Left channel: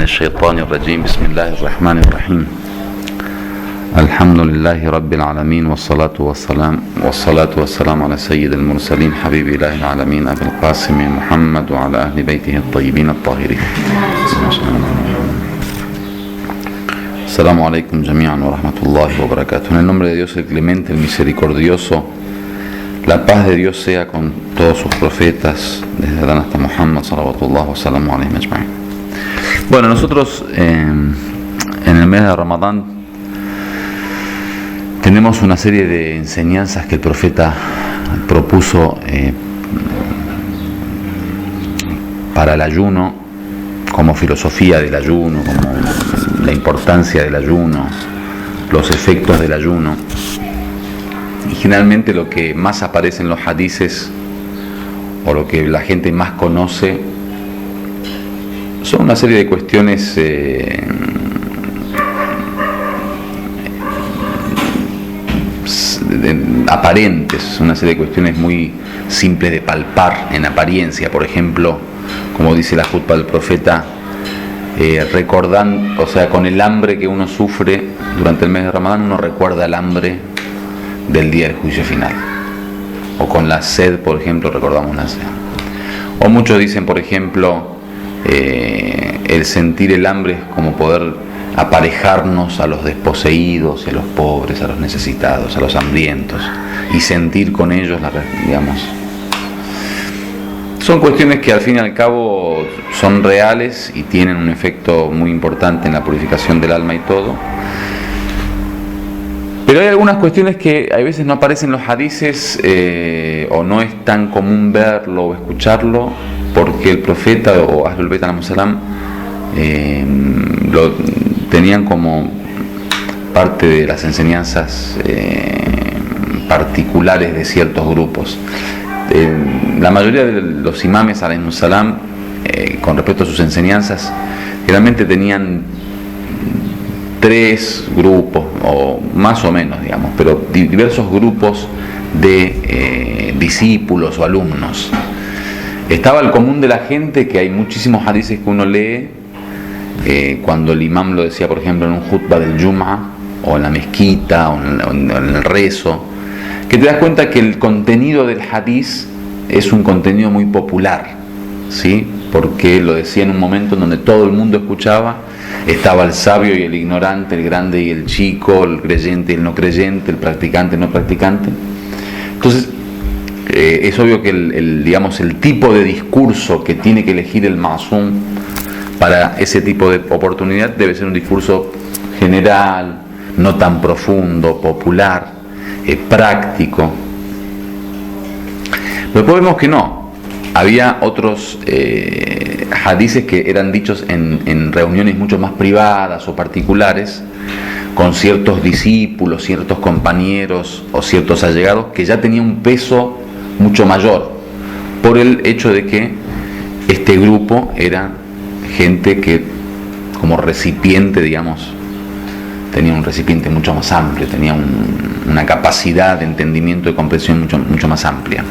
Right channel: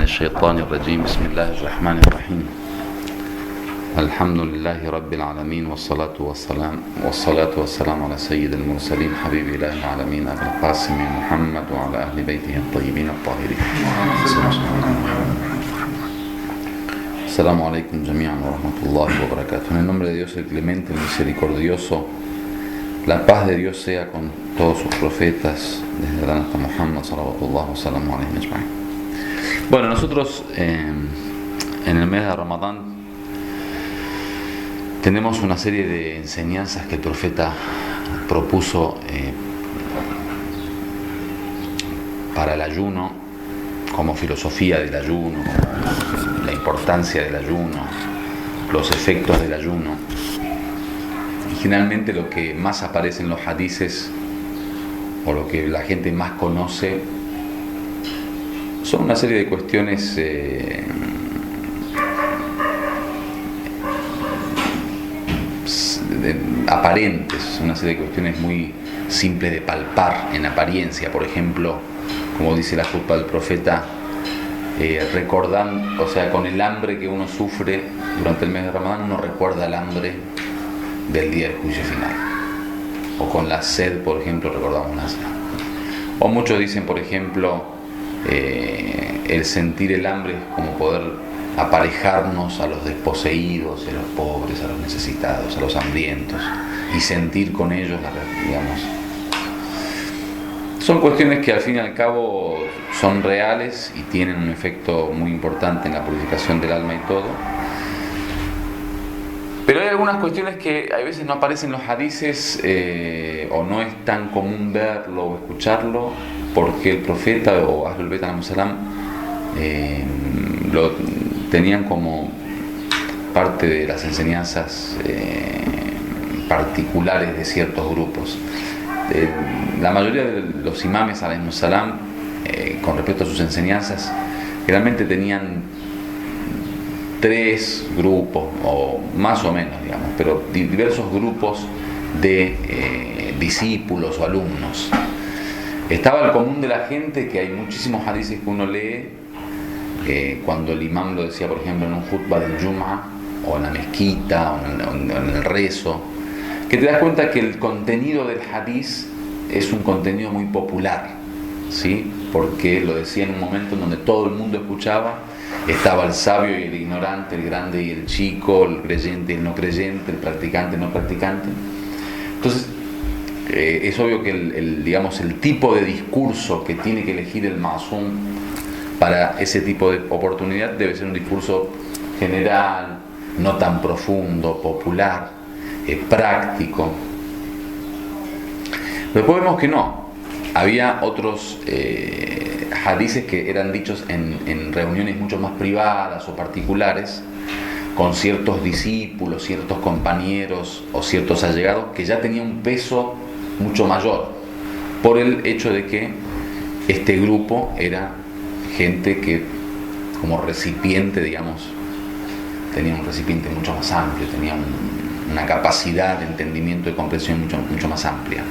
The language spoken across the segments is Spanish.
من الشيطان الرجيم. بسم الله الرحمن الرحيم. الحمد لله رب العالمين، والصلاة والسلام على سيد المرسلين حبيب إله العالمين أبي القاسم محمد وعلى أهل بيته الطيبين الطاهرين. Assalamu alaikum jami'an wa rahmatullahi wa barakatuh. En el nombre de Dios el clemente, el misericordioso, la paz de Dios sea con todos sus profetas, desde Adán hasta Muhammad sallallahu wasallam alayhi ajma'in. Bueno, nosotros en el mes de Ramadán tenemos una serie de enseñanzas que el profeta propuso para el ayuno, como filosofía del ayuno, como la importancia del ayuno, los efectos del ayuno. Y generalmente lo que más aparece en los hadices, o lo que la gente más conoce, son una serie de cuestiones aparentes, una serie de cuestiones muy simples de palpar en apariencia. Por ejemplo, como dice la jutba del profeta, recordando, o sea, con el hambre que uno sufre durante el mes de Ramadán, uno recuerda el hambre del día del juicio final. O con la sed, por ejemplo, recordamos la sed. O muchos dicen, por ejemplo, el sentir el hambre es como poder aparejarnos a los desposeídos, a los pobres, a los necesitados, a los hambrientos, y sentir con ellos digamos. Son cuestiones que al fin y al cabo son reales y tienen un efecto muy importante en la purificación del alma y todo. Pero hay algunas cuestiones que a veces no aparecen en los hadices, o no es tan común verlo o escucharlo, porque el profeta o Ahlul Bayt alayhim salam lo tenían como parte de las enseñanzas particulares de ciertos grupos. La mayoría de los imames alayhim salam, con respecto a sus enseñanzas, realmente tenían tres grupos, o más o menos, digamos, pero diversos grupos de discípulos o alumnos. Estaba el común de la gente, que hay muchísimos hadices que uno lee, cuando el imam lo decía, por ejemplo, en un jutba del Jum'a, o en la mezquita, o en el rezo, que te das cuenta que el contenido del hadiz es un contenido muy popular, ¿sí? Porque lo decía en un momento en donde todo el mundo escuchaba, estaba el sabio y el ignorante, el grande y el chico, el creyente y el no creyente, el practicante y el no practicante. Entonces, es obvio que digamos, el tipo de discurso que tiene que elegir el ma'sum para ese tipo de oportunidad debe ser un discurso general, no tan profundo, popular, práctico. Pero después vemos que no. Había otros hadices que eran dichos en reuniones mucho más privadas o particulares, con ciertos discípulos, ciertos compañeros o ciertos allegados, que ya tenía un peso mucho mayor, por el hecho de que este grupo era gente que, como recipiente, digamos, tenía un recipiente mucho más amplio, tenía una capacidad de entendimiento y comprensión mucho más amplia.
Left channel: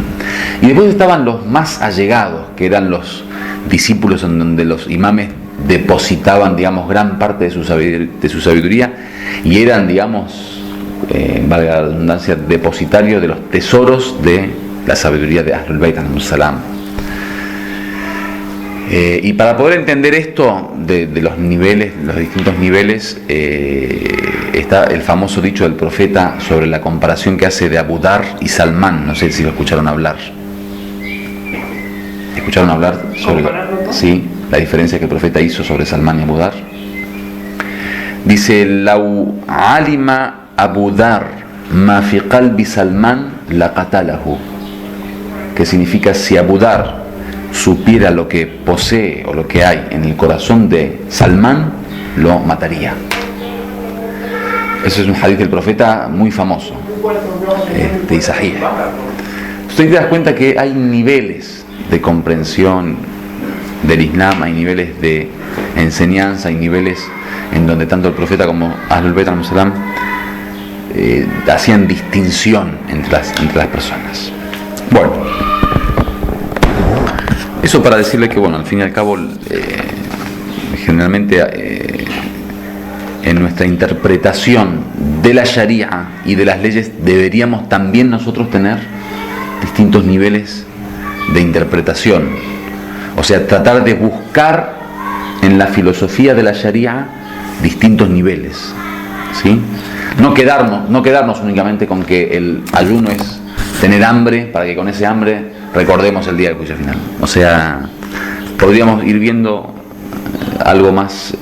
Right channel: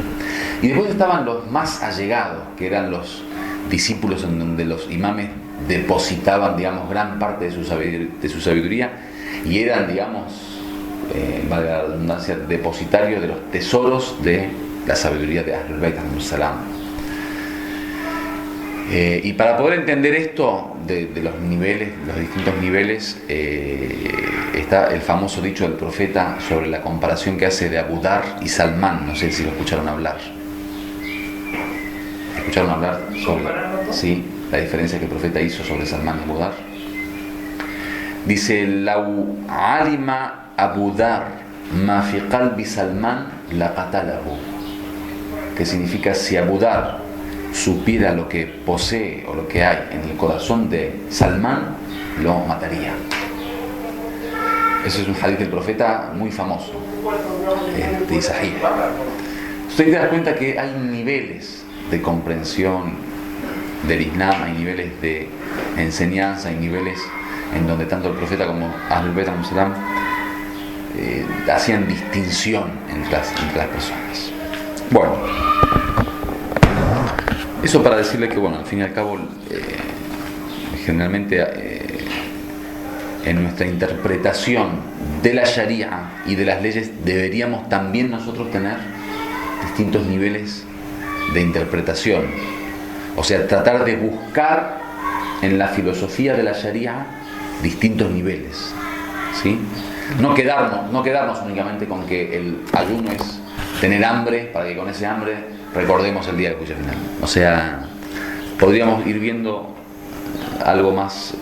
Y después estaban los más allegados, que eran los discípulos en donde los imames depositaban, digamos, gran parte de su sabiduría, y eran, digamos, valga la redundancia, depositarios de los tesoros de la sabiduría de Ahlul Bayt alayhim salam. Y para poder entender esto de los niveles, los distintos niveles, está el famoso dicho del profeta sobre la comparación que hace de Abu Dar y Salmán. No sé si lo escucharon hablar. ¿Escucharon hablar sobre la diferencia que el profeta hizo sobre Salmán y Abu Dar? Dice: Lau alima Abu Dar ma fi qalbi Salmán la qatalahu. Que significa, si Abu Dar supiera lo que posee o lo que hay en el corazón de Salmán, lo mataría. Eso es un hadith del profeta muy famoso, de Isaías. Usted te das cuenta que hay niveles de comprensión del Islam, hay niveles de enseñanza, hay niveles en donde tanto el profeta como Ahlul Bayt alayhim salam hacían distinción entre las personas. Bueno, eso para decirle que, bueno, al fin y al cabo, generalmente en nuestra interpretación de la Sharia y de las leyes deberíamos también nosotros tener distintos niveles de interpretación. O sea, tratar de buscar en la filosofía de la Sharia distintos niveles, ¿sí? No quedarnos únicamente con que el ayuno es tener hambre para que con ese hambre recordemos el día del juicio final. O sea, podríamos ir viendo algo más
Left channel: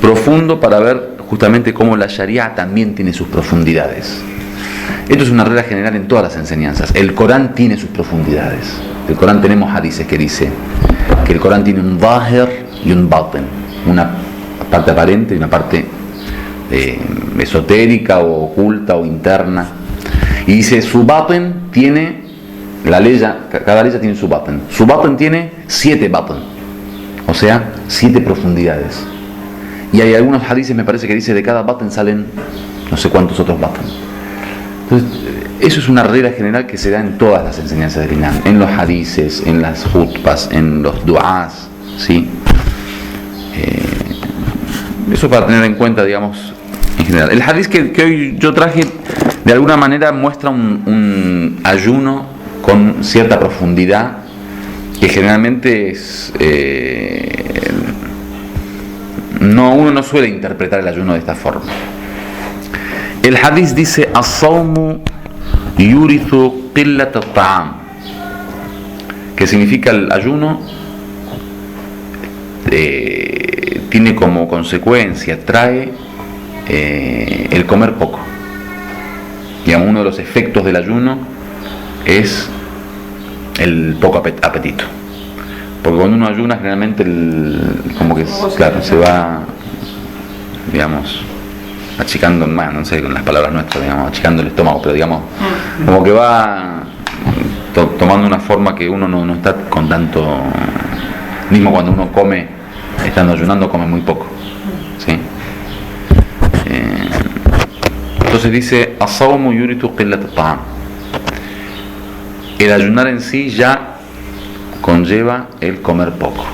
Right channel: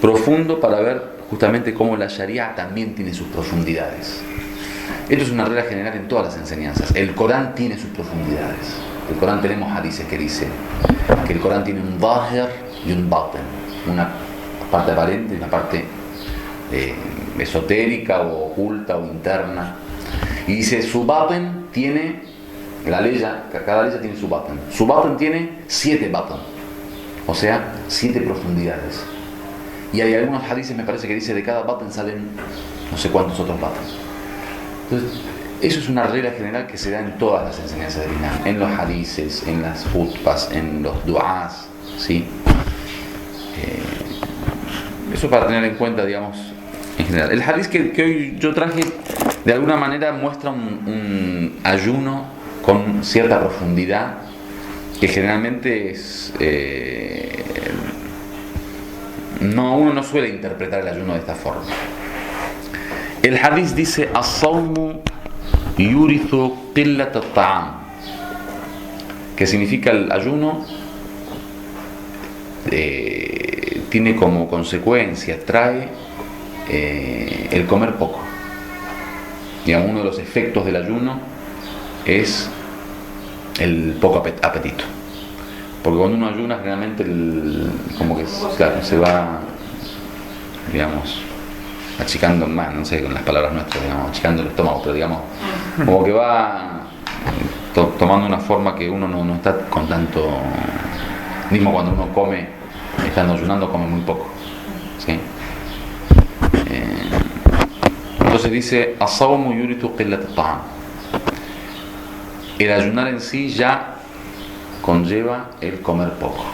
profundo para ver justamente cómo la Sharia también tiene sus profundidades. Esto es una regla general en todas las enseñanzas. El Corán tiene sus profundidades. El Corán, tenemos hadices que dice que el Corán tiene un zahir y un batin, una parte aparente y una parte esotérica o oculta o interna. Y dice, su batin tiene, cada ley tiene su batin. Su batin tiene 7 batin, o sea, 7 profundidades. Y hay algunos hadices, me parece que dice, de cada batin salen no sé cuántos otros batin. Entonces, eso es una regla general que se da en todas las enseñanzas del Islam, en los hadices, en las khutbas, en los du'ás, ¿sí? Eso para tener en cuenta, digamos, en general. El hadiz que hoy yo traje, de alguna manera muestra un ayuno con cierta profundidad, que generalmente es... uno no suele interpretar el ayuno de esta forma. El hadiz dice: as-sawmu yurithu qillat at-ta'am, que significa el ayuno tiene como consecuencia, trae el comer poco. Y uno de los efectos del ayuno es el poco apetito. Porque cuando uno ayuna, generalmente como que claro, se va, digamos, achicando, no sé, con las palabras nuestras, digamos, achicando el estómago, pero digamos, como que va tomando una forma que uno no está con tanto, mismo cuando uno come, estando ayunando, come muy poco, ¿sí? Entonces dice, as-sawmu yurithu qillat at-ta'am. El ayunar en sí ya conlleva el comer poco.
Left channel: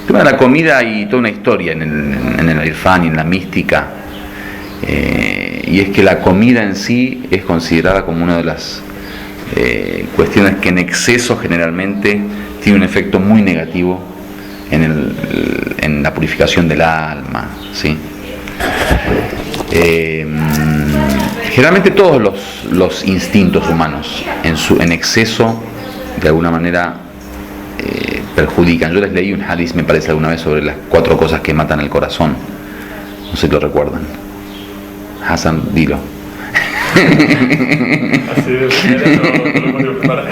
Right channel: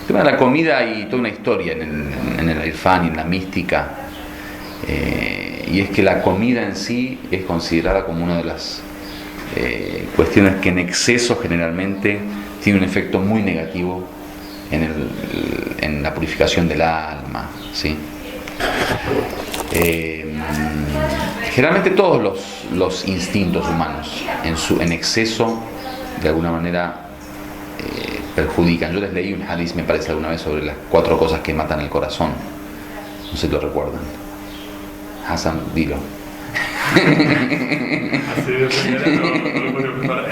El tema de la comida hay toda una historia en el irfán y en la mística, y es que la comida en sí es considerada como una de las cuestiones que en exceso generalmente tiene un efecto muy negativo en la purificación del alma, ¿sí? Generalmente todos los instintos humanos en exceso de alguna manera perjudican. Yo les leí un hadiz, me parece, alguna vez sobre las 4 cosas que matan el corazón. No sé si lo recuerdan. Hassan, dilo. Así de primera no lo puedo preparar.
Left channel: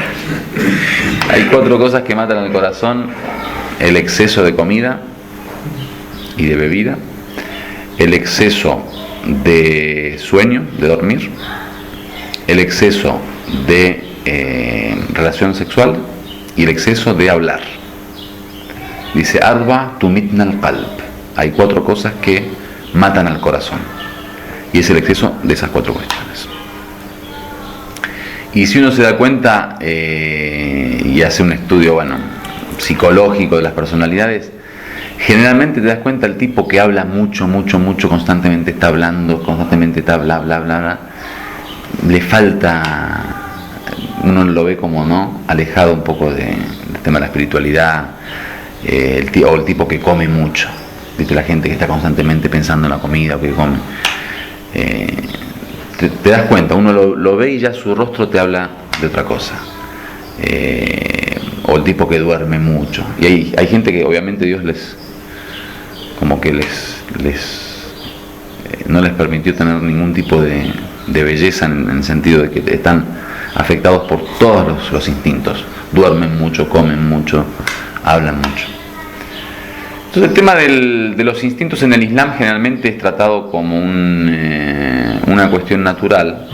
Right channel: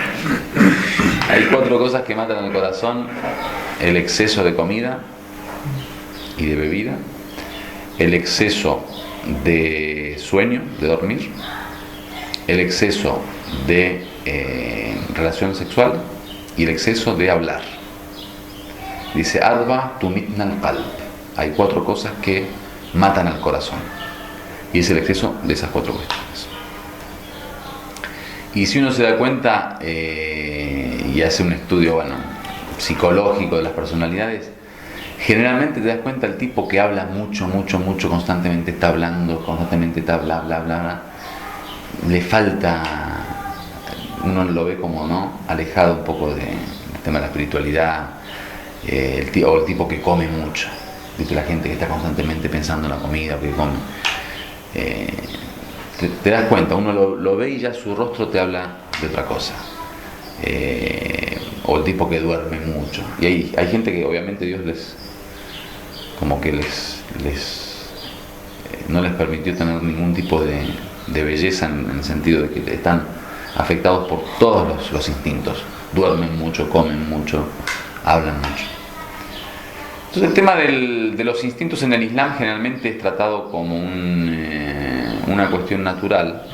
Hay 4 cosas que matan el corazón: el exceso de comida y de bebida, el exceso de sueño, de dormir, el exceso de relación sexual y el exceso de hablar. Dice: Arba tumitna al-qalb. Hay 4 cosas que matan al corazón, y es el exceso de esas 4 cuestiones. Y si uno se da cuenta y hace un estudio, psicológico de las personalidades, generalmente te das cuenta el tipo que habla mucho, constantemente está hablando, constantemente está bla, bla, bla, bla, le falta, uno lo ve como, alejado un poco del tema de la espiritualidad, o el tipo que come mucho, ¿viste? La gente que está constantemente pensando en la comida, o que come. Te das cuenta, uno lo ve y ya su rostro te habla de otra cosa. O el tipo que duerme mucho. Y hay gente que obviamente Dios no les permitió tener ningún tipo de belleza, en el sentido de que están afectados por todos los instintos. Duermen mucho, comen mucho, hablan mucho. Entonces el tema de los instintos en el Islam generalmente es tratado como una cuestión natural,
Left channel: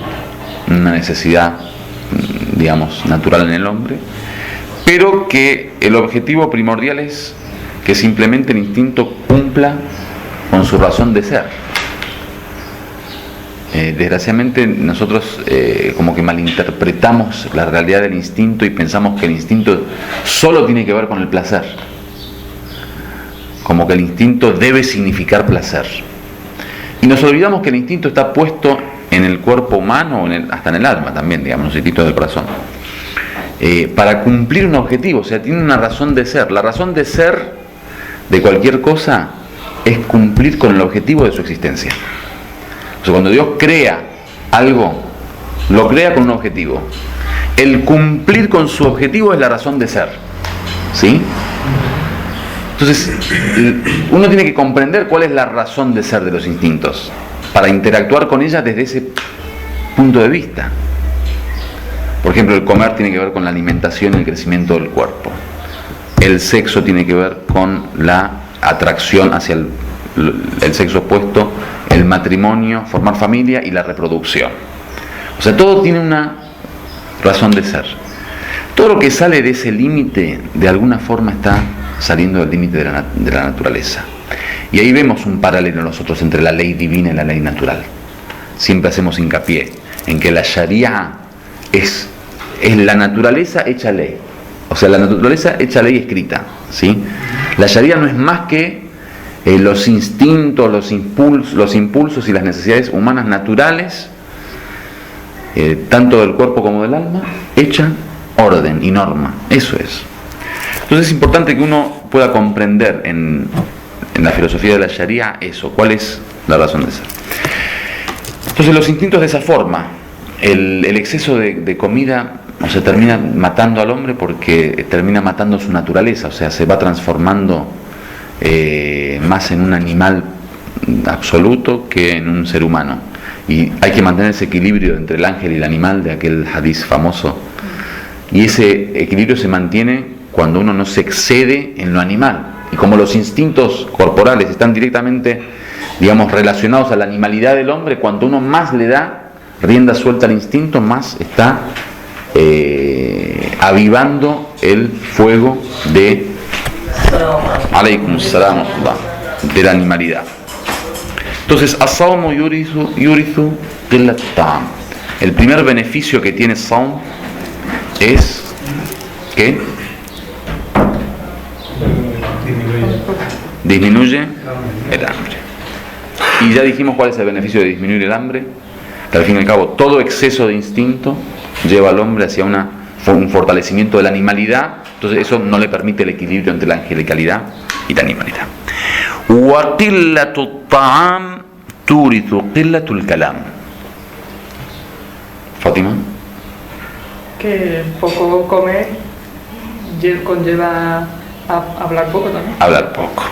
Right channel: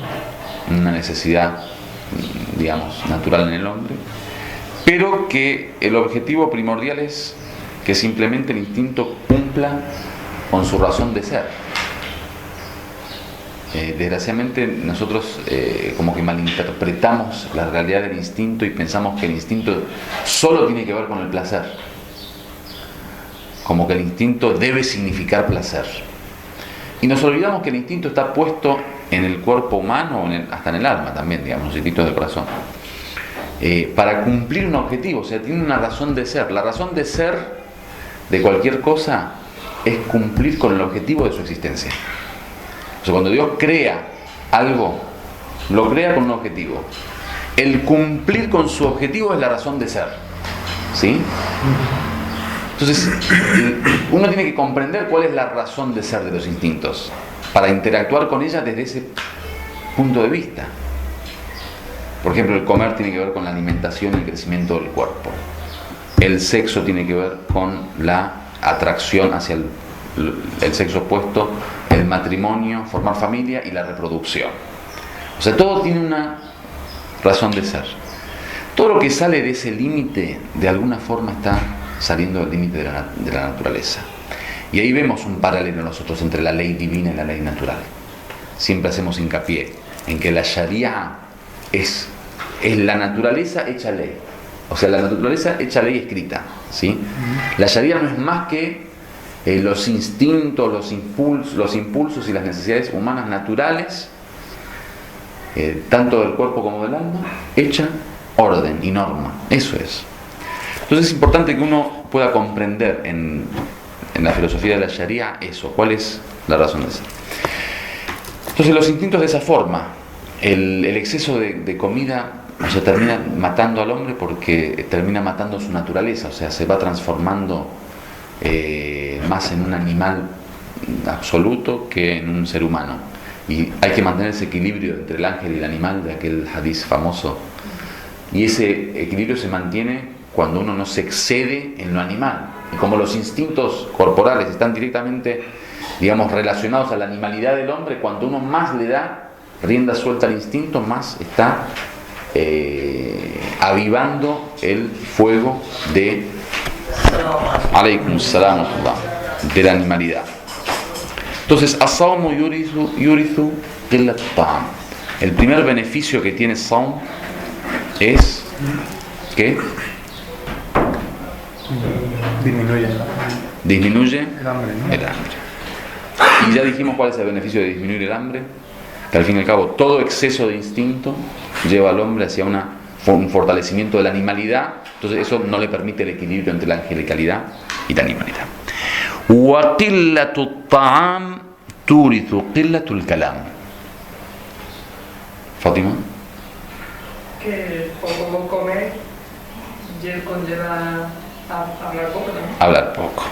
una necesidad, digamos, natural en el hombre, pero que el objetivo primordial es que simplemente el instinto cumpla con su razón de ser. Desgraciadamente nosotros como que malinterpretamos la realidad del instinto y pensamos que el instinto solo tiene que ver con el placer. como que el instinto debe significar placer. Y nos olvidamos que el instinto está puesto en el cuerpo humano, hasta en el alma también, digamos, los instintos del corazón, para cumplir un objetivo, o sea, tiene una razón de ser. La razón de ser de cualquier cosa es cumplir con el objetivo de su existencia. O sea, cuando Dios crea algo, lo crea con un objetivo. El cumplir con su objetivo es la razón de ser, ¿sí? Entonces, uno tiene que comprender cuál es la razón de ser de los instintos para interactuar con ella desde ese punto de vista. Por ejemplo, el comer tiene que ver con la alimentación y el crecimiento del cuerpo. El sexo tiene que ver con la atracción hacia el sexo opuesto, el matrimonio, formar familia y la reproducción. O sea, todo tiene una razón de ser. Todo lo que sale de ese límite, de alguna forma está saliendo del límite de la naturaleza. Y ahí vemos un paralelo nosotros entre la ley divina y la ley natural. Siempre hacemos hincapié en que la Sharia es la naturaleza hecha ley. O sea, la naturaleza hecha ley escrita, ¿sí? La Sharia no es más que los instintos, los impulsos y las necesidades humanas naturales, tanto del cuerpo como del alma, hecha orden y norma. Eso es. Entonces es importante que uno pueda comprender en la filosofía de la Sharia eso, cuál es la razón de ser. Entonces los instintos de esa forma, el exceso de comida, o sea, termina matando al hombre porque termina matando su naturaleza, o sea, se va transformando más en un animal absoluto que en un ser humano. Y hay que mantener ese equilibrio entre el ángel y el animal de aquel hadiz famoso. Y ese equilibrio se mantiene cuando uno no se excede en lo animal. Y como los instintos corporales están directamente, digamos, relacionados a la animalidad del hombre, cuanto uno más le da rienda suelta al instinto, más está avivando el fuego de de la animalidad. Entonces, as-sawmu yurithu qillat at-ta'am. El primer beneficio que tiene Sawm es que disminuye el hambre. Y ya dijimos cuál es el beneficio de disminuir el hambre, que al fin y al cabo todo exceso de instinto lleva al hombre hacia un fortalecimiento de la animalidad. Entonces eso no le permite el equilibrio entre la angelicalidad y la animalidad. Wa qillatu ta'am turithu qillatul kalam. Fátima. Que poco comer conlleva a hablar poco también. Hablar poco.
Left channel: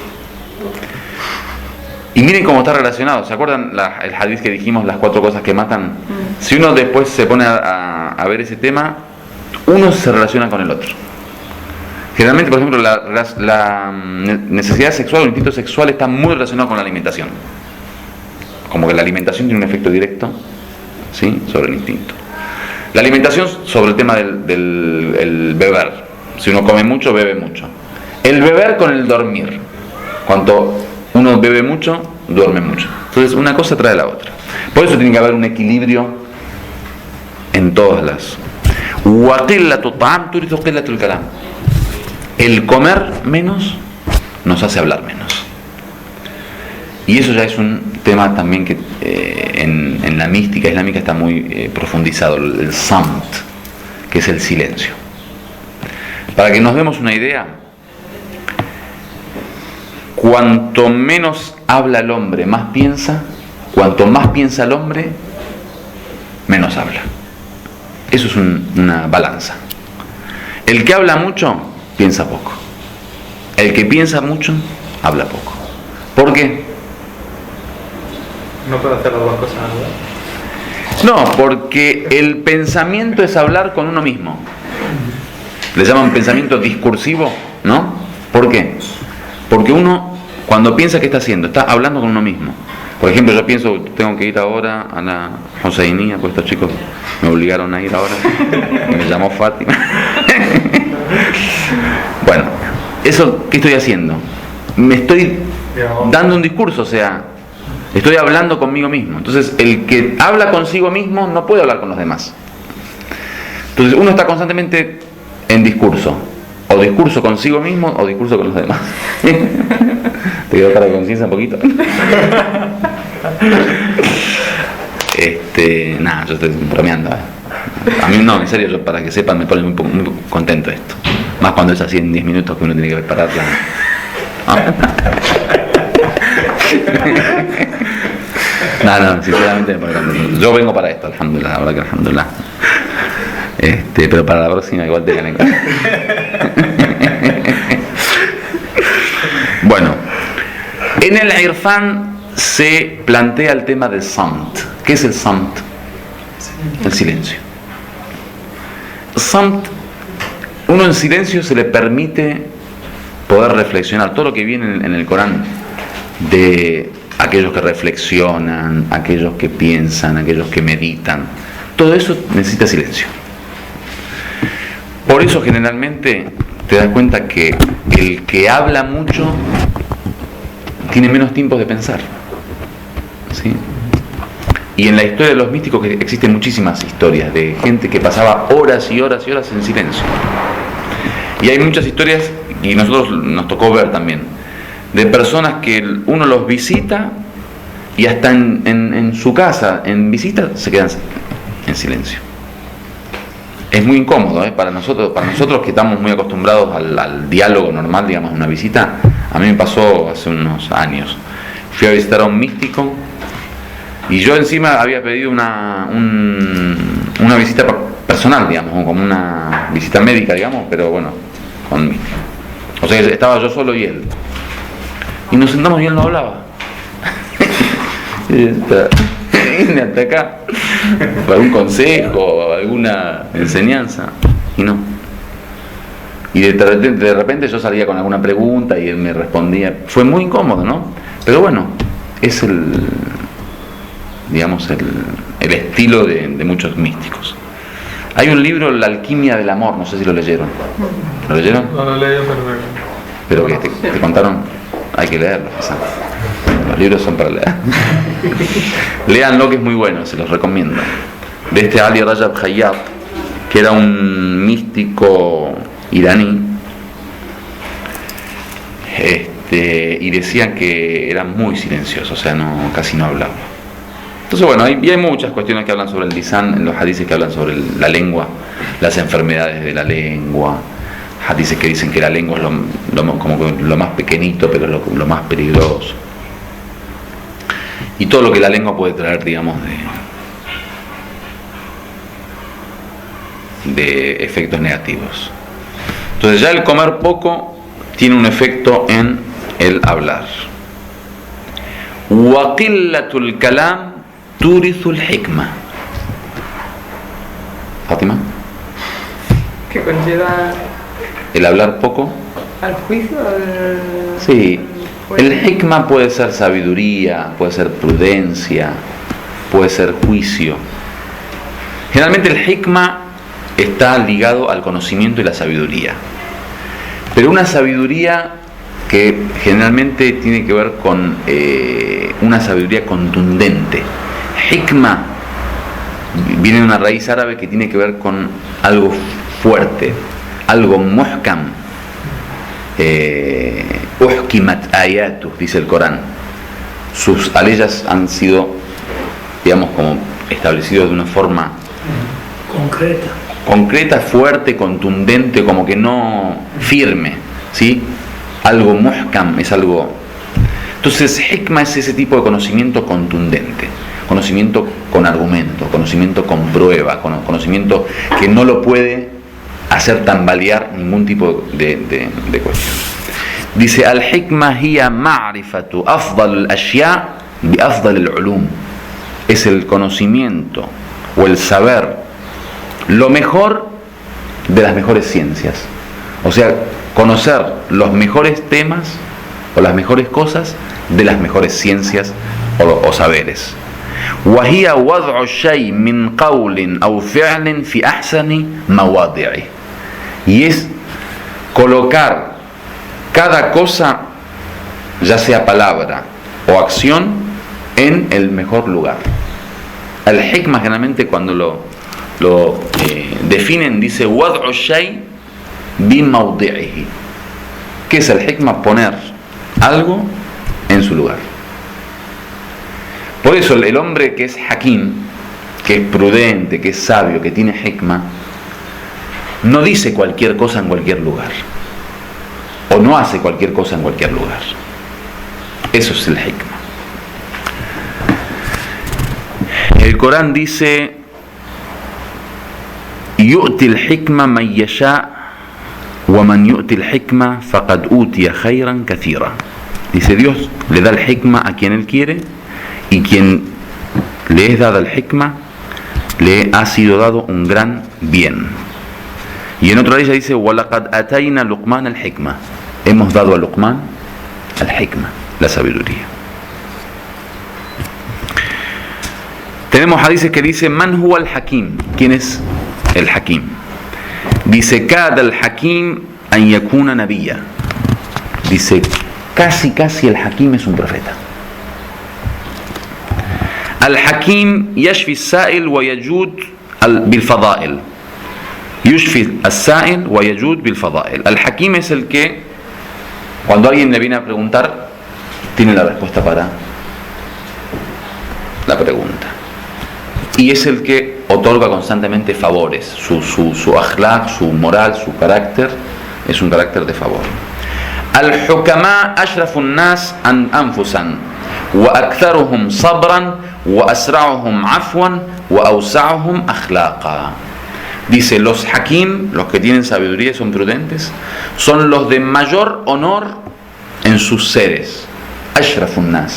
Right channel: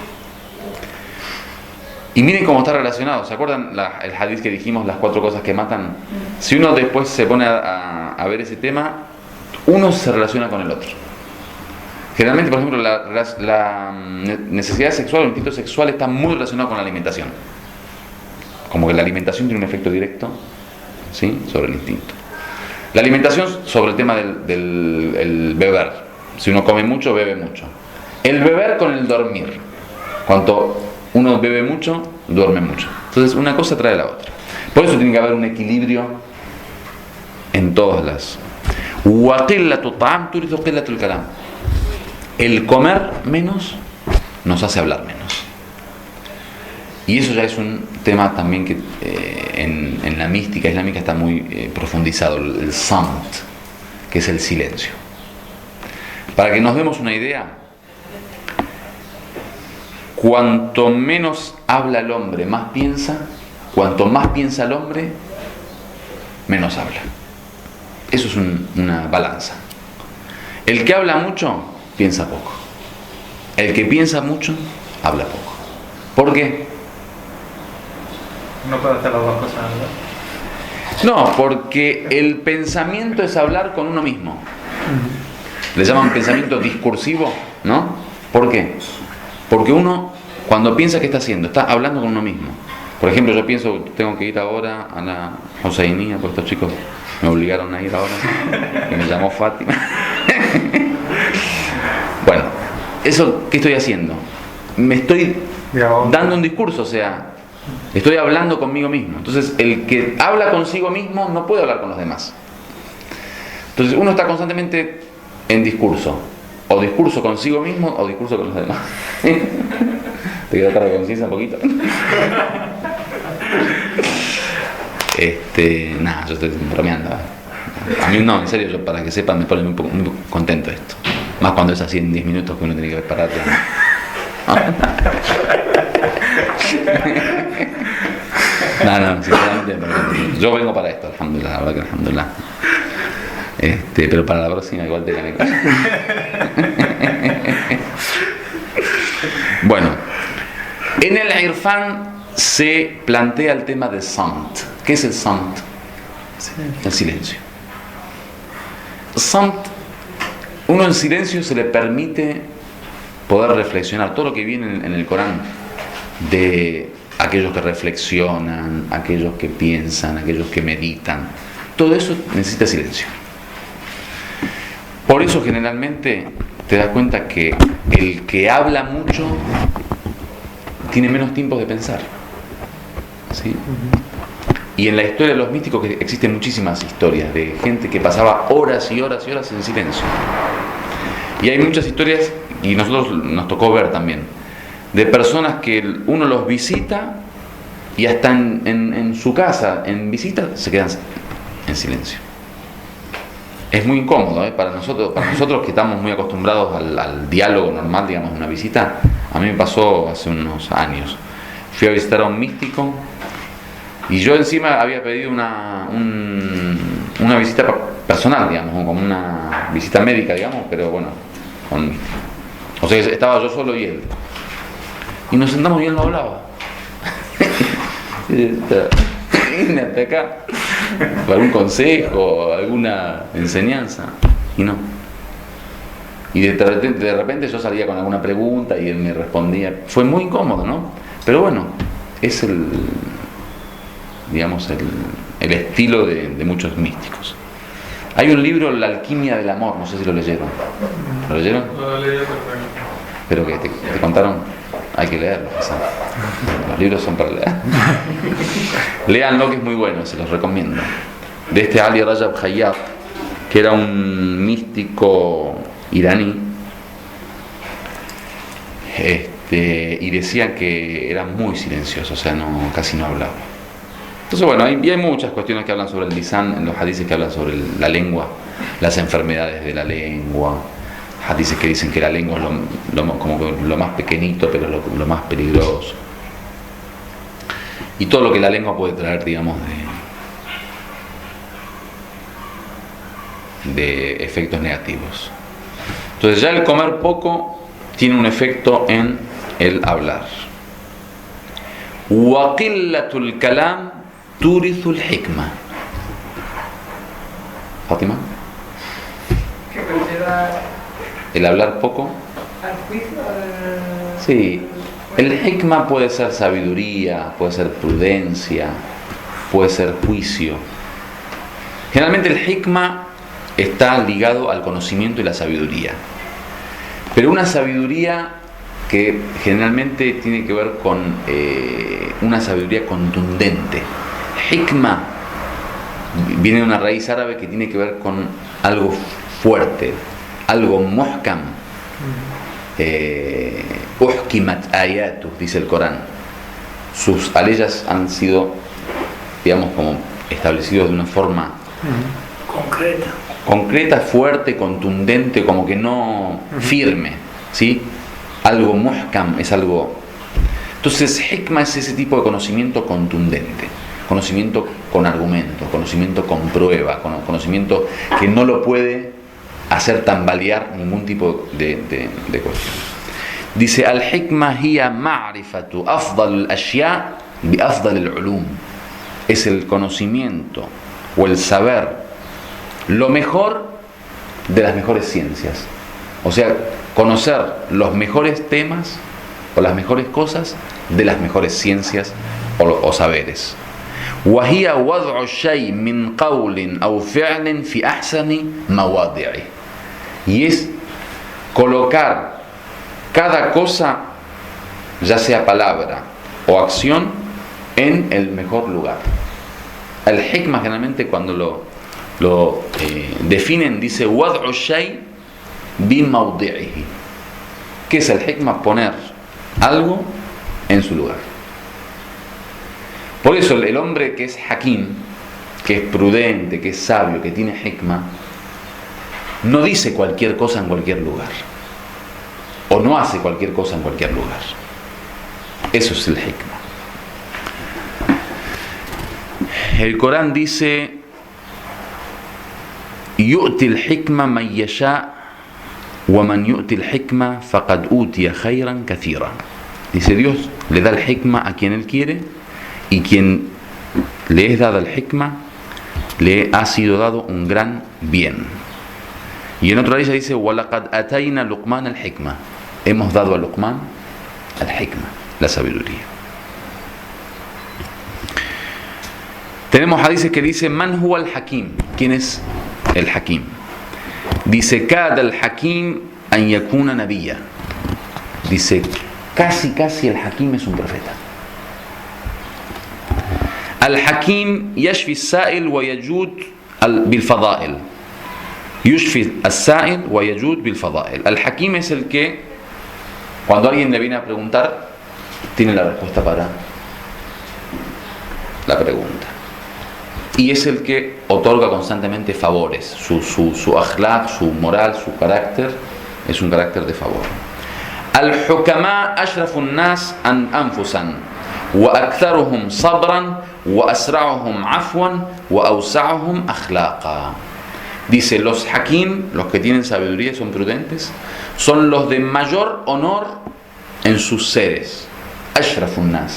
Y miren cómo está relacionado. ¿Se acuerdan el hadith que dijimos, las 4 cosas que matan? Si uno después se pone a ver ese tema, uno se relaciona con el otro. Generalmente, por ejemplo, la necesidad sexual o el instinto sexual está muy relacionado con la alimentación. Como que la alimentación tiene un efecto directo, ¿sí?, sobre el instinto. La alimentación sobre el tema del beber. Si uno come mucho, bebe mucho. El beber con el dormir. Cuanto uno bebe mucho, duerme mucho. Entonces una cosa trae la otra. Por eso tiene que haber un equilibrio en todas las. El comer menos nos hace hablar menos. Y eso ya es un tema también que en la mística islámica está muy profundizado, el samt, que es el silencio. Para que nos demos una idea, cuanto menos habla el hombre, más piensa. Cuanto más piensa el hombre, menos habla. Eso es una balanza. El que habla mucho, piensa poco. El que piensa mucho, habla poco. ¿Por qué? No puedo hacer las dos cosas, ¿verdad? No, porque el pensamiento es hablar con uno mismo. Le llaman pensamiento discursivo, ¿no? ¿Por qué? Porque uno, cuando piensa, ¿qué está haciendo? Está hablando con uno mismo. Por ejemplo, yo pienso, tengo que ir ahora a la Hoseinía, porque estos chicos me obligaron a ir ahora. Me llamó Fátima. Bueno, eso, ¿qué estoy haciendo? Me estoy dando un discurso, o sea, estoy hablando conmigo mismo. Entonces, el que habla consigo mismo no puede hablar con los demás. Entonces, uno está constantemente en discurso. O discurso consigo mismo o discurso con los demás. ¿Te quedó para la conciencia un poquito? Nada, yo estoy bromeando. A mí no, en serio, yo, para que sepan, me pone muy contento esto. Más cuando es así en 10 minutos que uno tiene que prepararla. No, sinceramente, yo vengo para esto, alhamdulillah, la verdad que alhamdulillah. Pero para la próxima igual te gané. Bueno, en el Irfan se plantea el tema del samt. ¿Qué es el samt? El silencio. Samt, uno en silencio se le permite poder reflexionar todo lo que viene en el Corán, de aquellos que reflexionan, aquellos que piensan, aquellos que meditan. Todo eso necesita silencio. Por eso generalmente te das cuenta que el que habla mucho tiene menos tiempo de pensar, ¿sí? Y en la historia de los místicos existen muchísimas historias de gente que pasaba horas y horas y horas en silencio. Y hay muchas historias, y nosotros nos tocó ver también, de personas que uno los visita y hasta en su casa, en visita, se quedan en silencio. Es muy incómodo, para nosotros que estamos muy acostumbrados al diálogo normal, digamos, una visita. A mí me pasó hace unos años. Fui a visitar a un místico y yo encima había pedido una visita personal, digamos, como una visita médica, digamos, pero bueno, con un místico. O sea, estaba yo solo y él. Y nos sentamos y él no hablaba. Vine hasta acá para algún consejo, alguna enseñanza, y no. Y de repente yo salía con alguna pregunta y él me respondía. Fue muy incómodo, ¿no? Pero bueno, es digamos, el estilo de muchos místicos. Hay un libro, La alquimia del amor, no sé si lo leyeron. ¿Lo leyeron? No lo leí, pero que te contaron, hay que leerlo. Los libros son para leer. Léanlo, que es muy bueno, se los recomiendo. De Ali Rajab Khayyat, que era un místico iraní, y decían que era muy silencioso, o sea, casi no hablaba. Entonces, bueno, hay muchas cuestiones que hablan sobre el lisan, en los hadices que hablan sobre la lengua, las enfermedades de la lengua, hadices que dicen que la lengua es como lo más pequeñito, pero lo más peligroso. Y todo lo que la lengua puede traer, digamos, de efectos negativos. Entonces ya el comer poco tiene un efecto en el hablar. Waqillatul kalam turithul hikma. Fátima. Que conlleva El hablar poco. al juicio. Sí. El hikma puede ser sabiduría, puede ser prudencia, puede ser juicio. Generalmente el hikma está ligado al conocimiento y la sabiduría. Pero una sabiduría que generalmente tiene que ver con una sabiduría contundente. Hikma viene de una raíz árabe que tiene que ver con algo fuerte, algo muhkam. Uhkimat ayatu, dice el Corán. Sus aleyas han sido, digamos, como establecidos de una forma concreta, fuerte, contundente, como que no firme, ¿sí? Algo muhkam es algo. Entonces, hikma es ese tipo de conocimiento contundente, conocimiento con argumento, conocimiento con prueba, conocimiento que no lo puede hacer tambalear ningún tipo de cuestión. Dice: al-hikma hiya ma'rifatu afdal al-ashya bi afdal al-ulum. Es el conocimiento o el saber lo mejor de las mejores ciencias. O sea, conocer los mejores temas o las mejores cosas de las mejores ciencias o saberes. وهي وضع الشيء من قول أو فعل في أحسن مواضعه. Y es colocar cada cosa, ya sea palabra o acción, en el mejor lugar. El hikma generalmente cuando lo definen dice wad'u shay bimawdi'ihi. ¿Qué es el hikma? Poner algo en su lugar. Por eso el hombre que es hakim, que es prudente, que es sabio, que tiene hikma, no dice cualquier cosa en cualquier lugar, o no hace cualquier cosa en cualquier lugar. Eso es el hikma. El Corán dice: yu'ti al-hikma man yasha wa man yu'ti al-hikma faqad utiya khayran kathira. Dice, Dios le da el hikma a quien Él quiere, y quien le es dada el hikma le ha sido dado un gran bien. Y en otra de ellas dice: وَلَقَدْ أَتَيْنَا لُقْمَانَ الْحِكْمَةِ. Hemos dado a Luqman al hikma, la sabiduría. Tenemos hadices que dice: Man huwa al-hakim. ¿Quién es el hakim? Dice: Kada al-hakim an yakuna nabiyya. Dice, casi el hakim es un profeta. Al-hakim yashfi as-sa'il wa yajud bil-fada'il. Yushfi as-sa'il wa yajud bil-fada'il. Al-hakim es el que, cuando alguien le viene a preguntar, tiene la respuesta para la pregunta. Y es el que otorga constantemente favores. Su akhlaq, su moral, su carácter es un carácter de favor. Al-hukama ashrafu an-nas anfusan wa aktharuhum sabran wa asra'uhum afwan wa awsa'uhum akhlaqa. Dice, los hakim, los que tienen sabiduría y son prudentes, son los de mayor honor en sus seres. Ashrafu an-nas.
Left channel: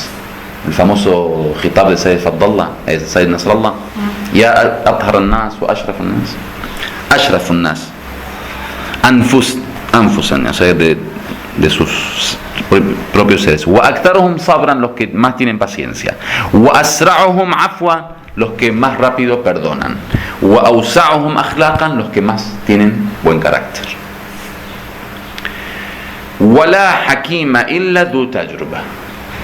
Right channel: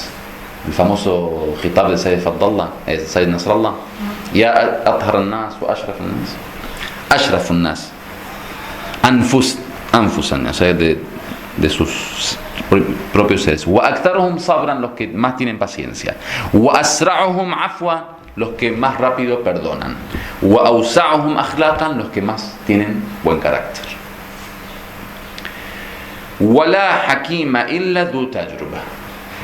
El famoso khitab de Sayyid Fadlallah, Sayyid Nasrallah, ya athhar an-nas wa ashrafu an-nas. Ashrafu an-nas. Anfusan, o sea, de sus propios seres. Wa aktharuhum sabran, los que más tienen paciencia. Wa asra'uhum afwa, los que más rápido perdonan. Wa awsa'uhum akhlaqan, los que más tienen buen carácter. Wala hakima illa du tajruba.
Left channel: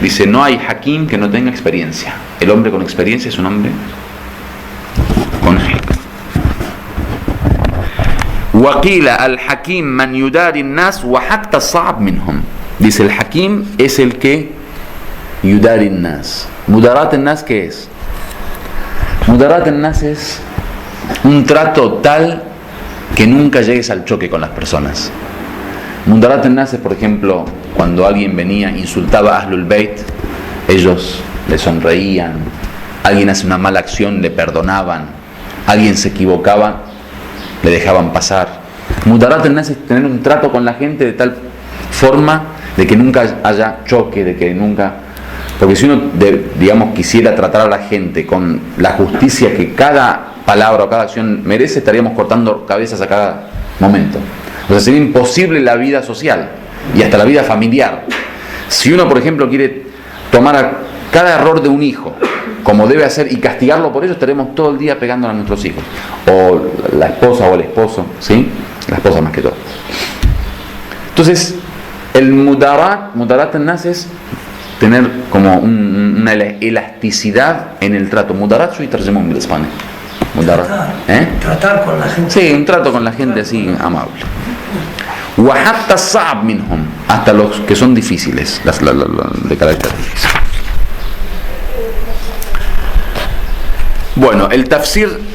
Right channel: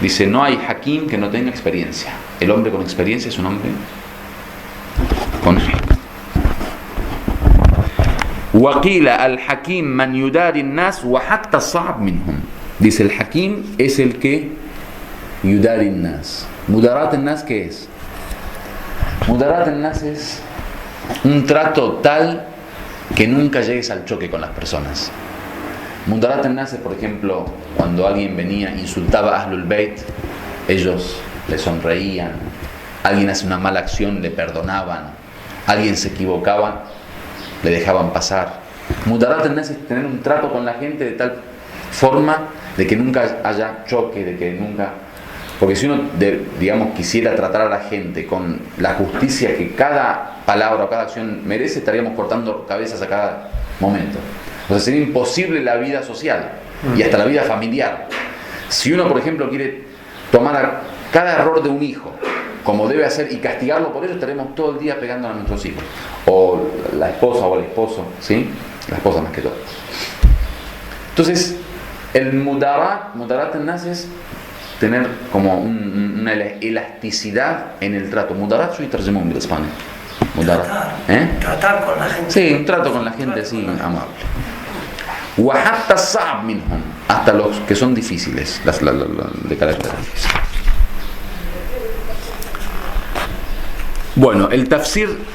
Dice, no hay hakim que no tenga experiencia. El hombre con experiencia es un hombre con hikma. Waqila al-hakim man yudari an-nas wa hatta as-sa'ab minhum. Dice, el hakim es el que yudari an-nas. Mudarat an-nas, ¿qué es? Mudarat an-nas es un trato tal que nunca llegues al choque con las personas. Mudarat an-nas es, por ejemplo, cuando alguien venía, insultaba a Ahlul Bayt, ellos le sonreían. Alguien hace una mala acción, le perdonaban. Alguien se equivocaba, le dejaban pasar. Mudarat an-nas es tener un trato con la gente de tal forma de que nunca haya choque, de que nunca... Porque si uno, digamos, quisiera tratar a la gente con la justicia que cada palabra o cada acción merece, estaríamos cortando cabezas a cada momento. O sea, sería imposible la vida social y hasta la vida familiar. Si uno, por ejemplo, quiere tomar cada error de un hijo como debe hacer y castigarlo por ello, estaremos todo el día pegándole a nuestros hijos, o la esposa o el esposo, ¿sí? La esposa más que todo. Entonces, el mudarat an-nas es tener como una elasticidad en el trato. Mudarat soy terjemón bil español. Tratar con la gente. Sí, un trato con la gente así amable. Wa hatta as-sa'ab minhum, hasta los que son difíciles, de carácter difícil. Bueno, el tafsir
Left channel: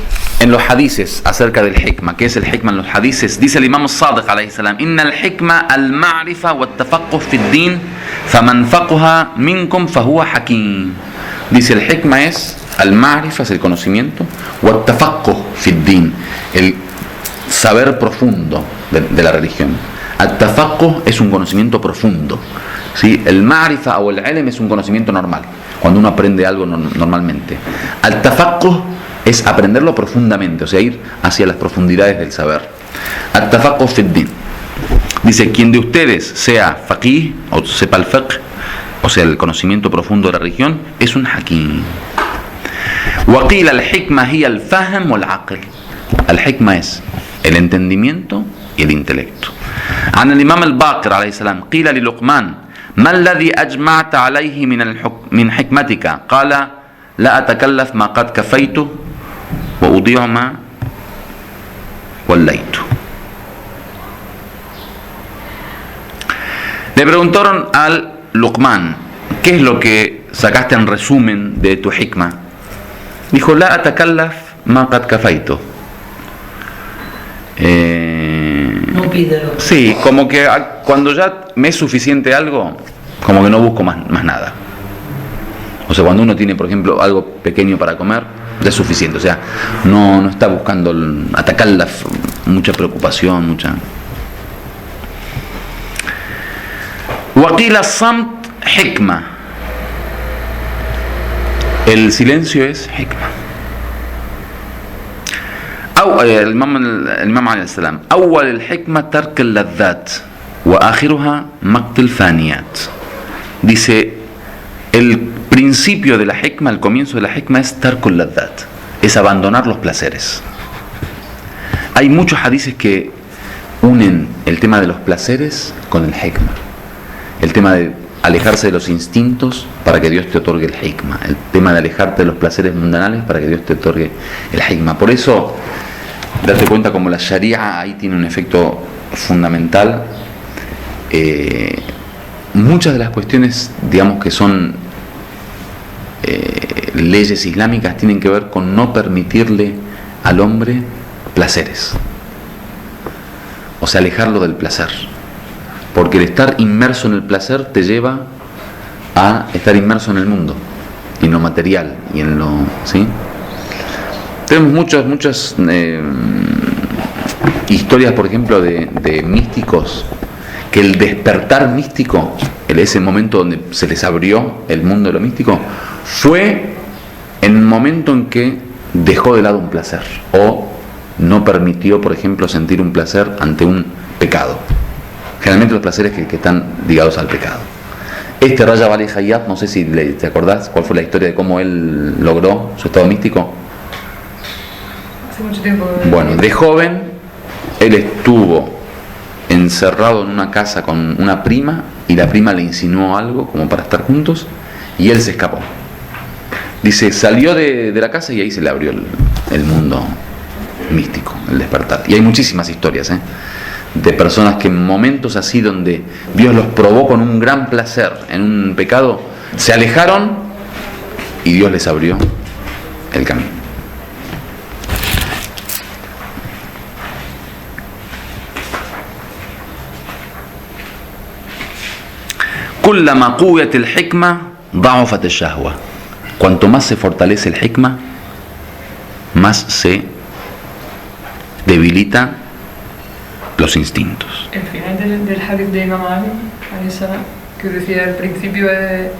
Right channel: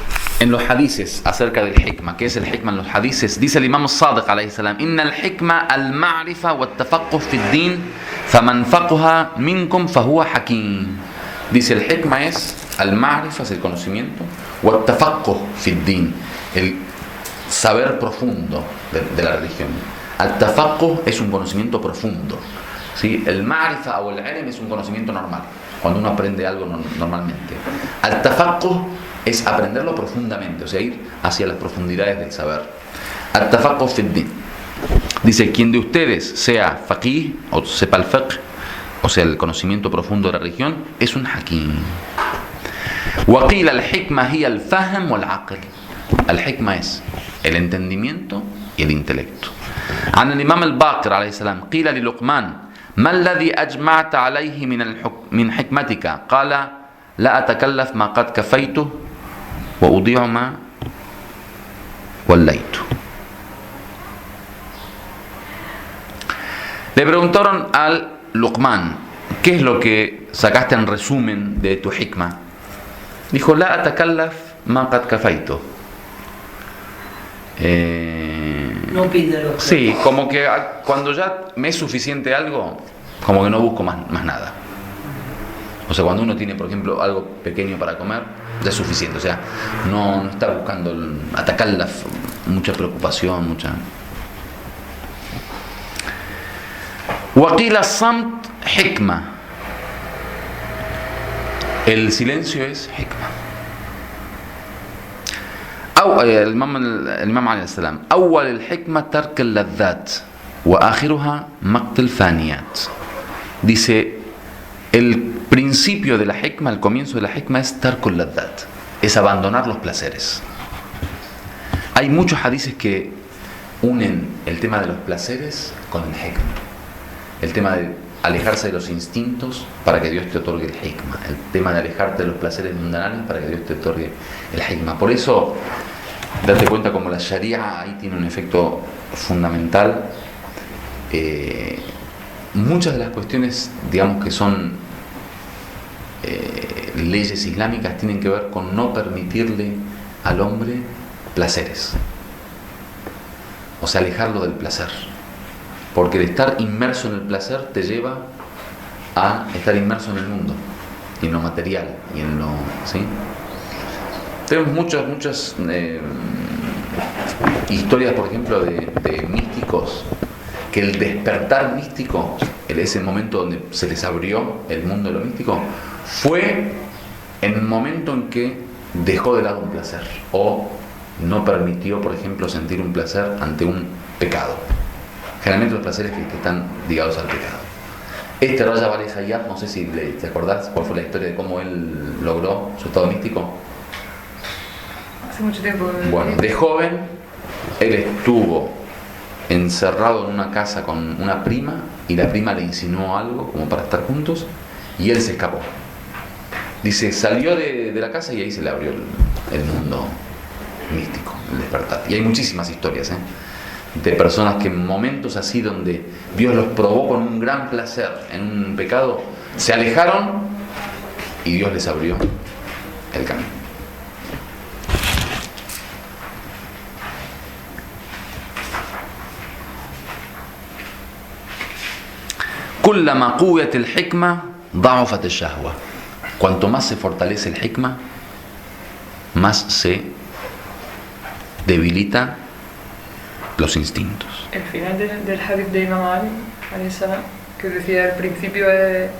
en los hadices acerca del hikma. ¿Qué es el hikma en los hadices? Dice el imam Sadiq alayhi salam: Inna al-hikma al-ma'rifa wa at-tafaqquh fi ad-din, faman faqaha minkum fahuwa hakim. Dice, el hikma es al-ma'rifa, es el conocimiento, wa at-tafaqquh fi ad-din, el saber profundo de la religión. At-tafaqquh es un conocimiento profundo, ¿sí? El ma'rifa o el ilm es un conocimiento normal, cuando uno aprende algo normalmente. At-tafaqquh es aprenderlo profundamente, o sea, ir hacia las profundidades del saber. At-tafaqquh fi ad-din. Dice, quien de ustedes sea faqih, o sepa el fiqh, o sea, el conocimiento profundo de la religión, es un hakim. Wa qila al-hikma hiya al-fahm wal-aql. Al-hikma es el entendimiento y el intelecto. عن الإمام الباقر عليه السلام قيل للقمان ما الذي أجمعت عليه من حكمتك؟ قال لا أتكلف ما قد كفيته وأضيع ما وليته. Le preguntaron al Luqman, ¿qué es lo que sacaste en resumen de tu hikma? Dijo, la atakallaf ma qad kafaitu. No pide lo que... Sí, como que cuando ya me es suficiente algo, como que no busco más nada. O sea, cuando uno tiene, por ejemplo, algo pequeño para comer, ya es suficiente. O sea, no está buscando atacarla, mucha preocupación, mucha... Waqila samt hikma. El silencio es hikma. الإمام عليه السلام أول الحكمة ترك اللذات وآخرها مقت الفانيات. Dice, el principio de la hikma, el comienzo de la hikma es tarkul laddat, es abandonar los placeres. Hay muchos hadices que unen el tema de los placeres con el hikma, el tema de alejarse de los instintos para que Dios te otorgue el hikma, el tema de alejarte de los placeres mundanales para que Dios te otorgue el hikma. Por eso, date cuenta como la sharia ahí tiene un efecto fundamental. Muchas de las cuestiones, digamos, que son leyes islámicas tienen que ver con no permitirle al hombre placeres, o sea, alejarlo del placer, porque el estar inmerso en el placer te lleva a estar inmerso en el mundo y en lo material y en lo, ¿sí? Tenemos muchas historias, por ejemplo, de místicos, que el despertar místico, ese momento donde se les abrió el mundo de lo místico, fue en el momento en que dejó de lado un placer o no permitió, por ejemplo, sentir un placer ante un pecado. Generalmente los placeres que están ligados al pecado. Este Rajab Ali Hayat, no sé si te acordás cuál fue la historia de cómo él logró su estado místico. Hace mucho tiempo. Bueno, de joven él estuvo encerrado en una casa con una prima y la prima le insinuó algo como para estar juntos y él se escapó. Dice, salió de la casa y ahí se le abrió el mundo místico, el despertar. Y hay muchísimas historias, de personas que en momentos así donde Dios los probó con un gran placer en un pecado, se alejaron y Dios les abrió el camino. كلما قويت الحكمة ضعفت الشهوة. Cuanto más se fortalece el hikma, más se debilita los instintos. El final del hadith de Imam Ali, alayhi salam, que decía al principio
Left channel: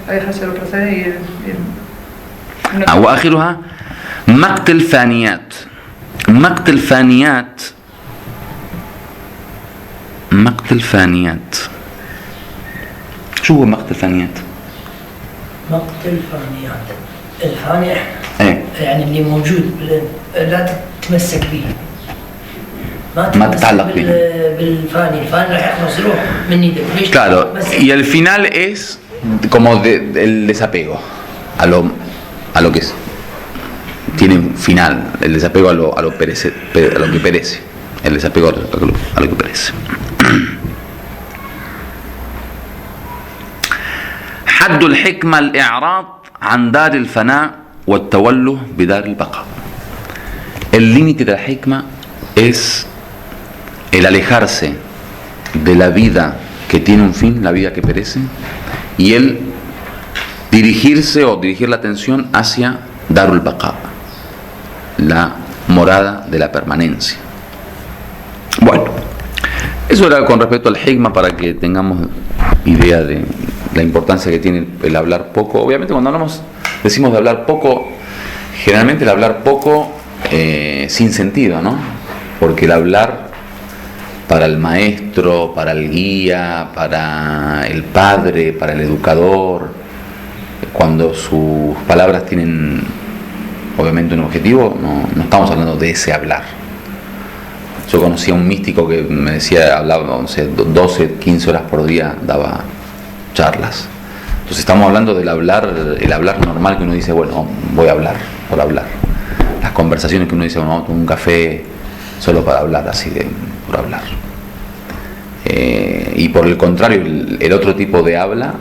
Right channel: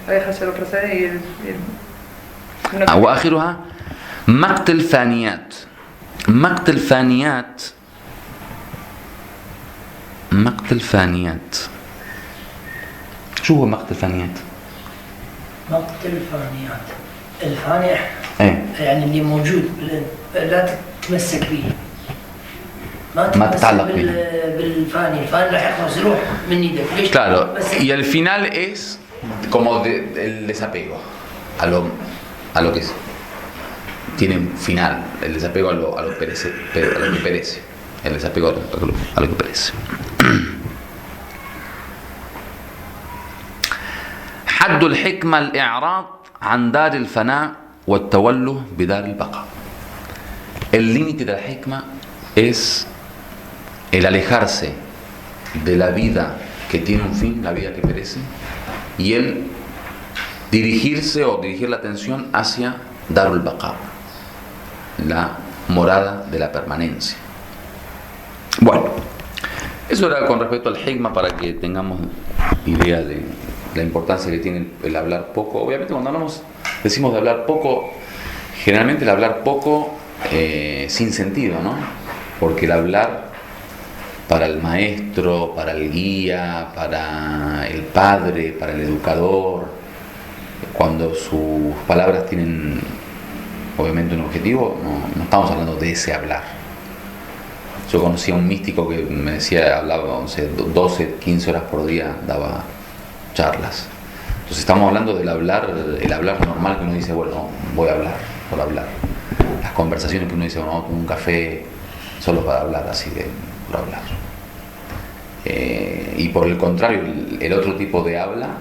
alejarse de los placeres y el وآخرها مقت الفانيات. مقت الفانيات مقت الفانيات. شو هو مقت الفانيات؟ مقت الفانيات، الفاني ايه يعني اللي موجود لا تتمسك به، ما تتعلق به بالفاني، الفاني راح يخلص يروح من يدك. ليش؟ Claro, y el final es como el desapego a lo que es. Tiene un final, el desapego a lo que perece, el desapego a lo que perece. حد الحكمة الإعراض عن دار الفناء والتوله بدار البقاء. El límite de la hikma es el alejarse de la vida que tiene un fin, la vida que perece, y el dirigirse o dirigir la atención hacia Darul Baqa, la morada de la permanencia. Bueno, eso era con respecto al hikma, para que tengamos idea de la importancia que tiene el hablar poco. Obviamente cuando decimos de hablar poco, generalmente el hablar poco sin sentido, ¿no? Porque el hablar para el maestro, para el guía, para el padre, para el educador, cuando sus palabras tienen obviamente un objetivo, no estamos hablando de ese hablar. Yo conocí a un místico que me decía, hablaba 12, 15 horas por día, daba charlas. Entonces estamos hablando del hablar, el hablar normal que uno dice, bueno, voy a hablar por hablar. Las conversaciones que uno dice, bueno, tomo un café solo para hablar, así de por hablar. Y por el contrario, el otro tipo de habla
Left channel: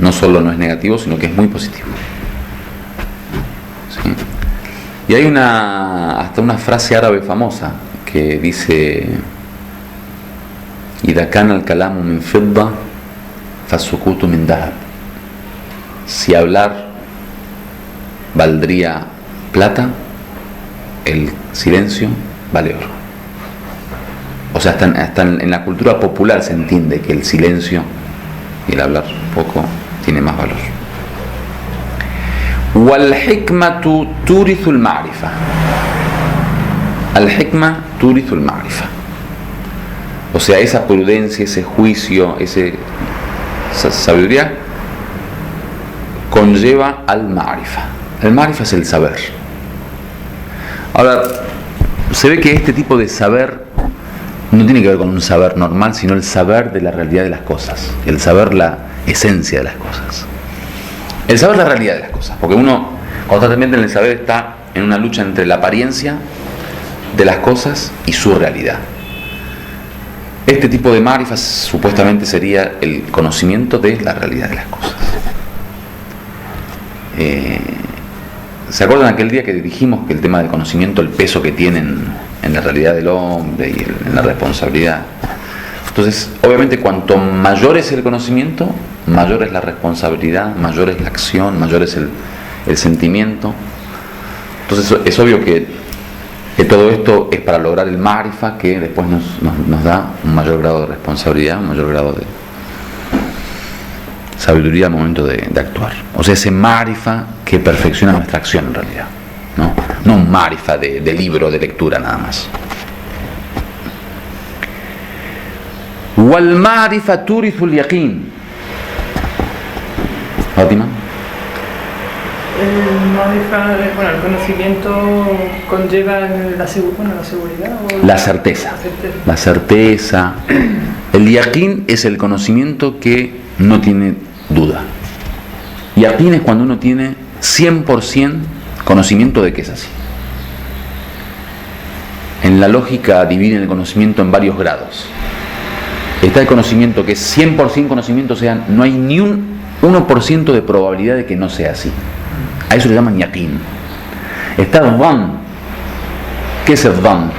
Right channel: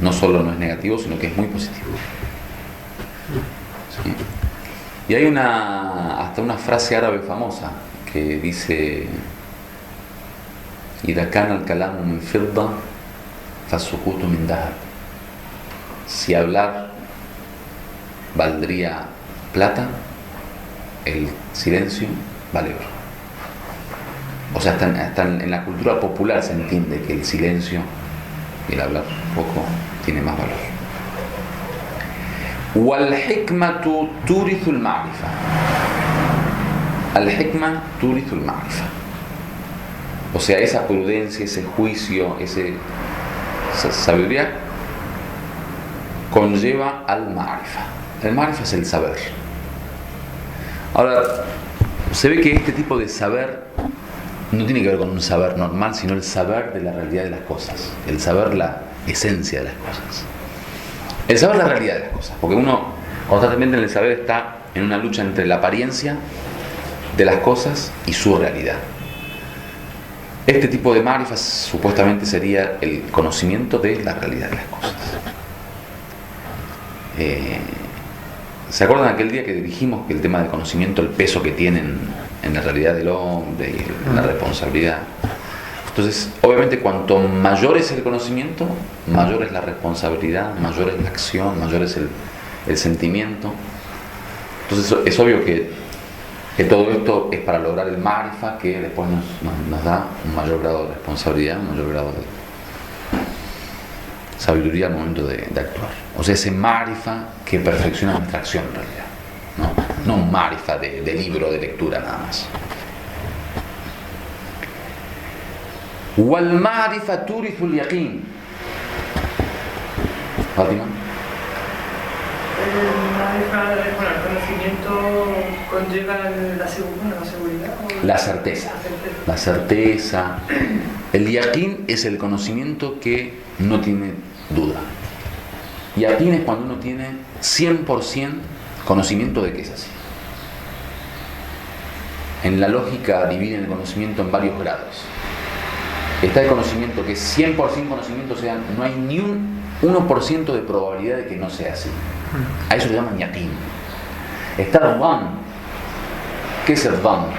no solo no es negativo, sino que es muy positivo. ¿Sí? Y hay hasta una frase árabe famosa que dice: إذا كان الكلام من فضة فالسكوت من ذهب. Si hablar valdría plata, el silencio vale oro. O sea, hasta en la cultura popular se entiende que el silencio y el hablar poco tiene más valor. والحكمة تورث المعرفة. الحكمة تورث المعرفة. O sea, esa prudencia, ese juicio, esa sabiduría conlleva al ma'rifa. El ma'rifa es el saber. Ahora, se ve que este tipo de saber no tiene que ver con un saber normal, sino el saber de la realidad de las cosas, el saber la esencia de las cosas, el saber la realidad de las cosas, porque uno constantemente en el saber está en una lucha entre la apariencia de las cosas y su realidad. Este tipo de ma'rifa supuestamente sería el conocimiento de la realidad de las cosas. ¿Se acuerdan aquel día que dijimos que el tema del conocimiento, el peso que tienen en la realidad del hombre y en la responsabilidad? Entonces, obviamente, cuanto mayor es el conocimiento, mayor es la responsabilidad, mayor es la acción, mayor es el sentimiento. Entonces, es obvio que todo esto es para lograr el ma'rifa, que después nos da un mayor grado de responsabilidad, un mayor grado de sabiduría al momento de actuar. O sea, ese ma'rifa que perfecciona nuestra acción en realidad, no un ma'rifa de libro, de lectura nada más. Wal ma'rifa turithu al yaqin. Fátima. El conocimiento conlleva la seguridad o la certeza. La certeza. El yaqin es el conocimiento que no tiene duda. Yaqin es cuando uno tiene 100% conocimiento de que es así. En la lógica dividen el conocimiento en varios grados. Está el conocimiento que es 100% conocimiento, o sea, no hay ni un 1% de probabilidad de que no sea así. A eso le llaman yaqin. Está el dhan. ¿Qué es el dhan?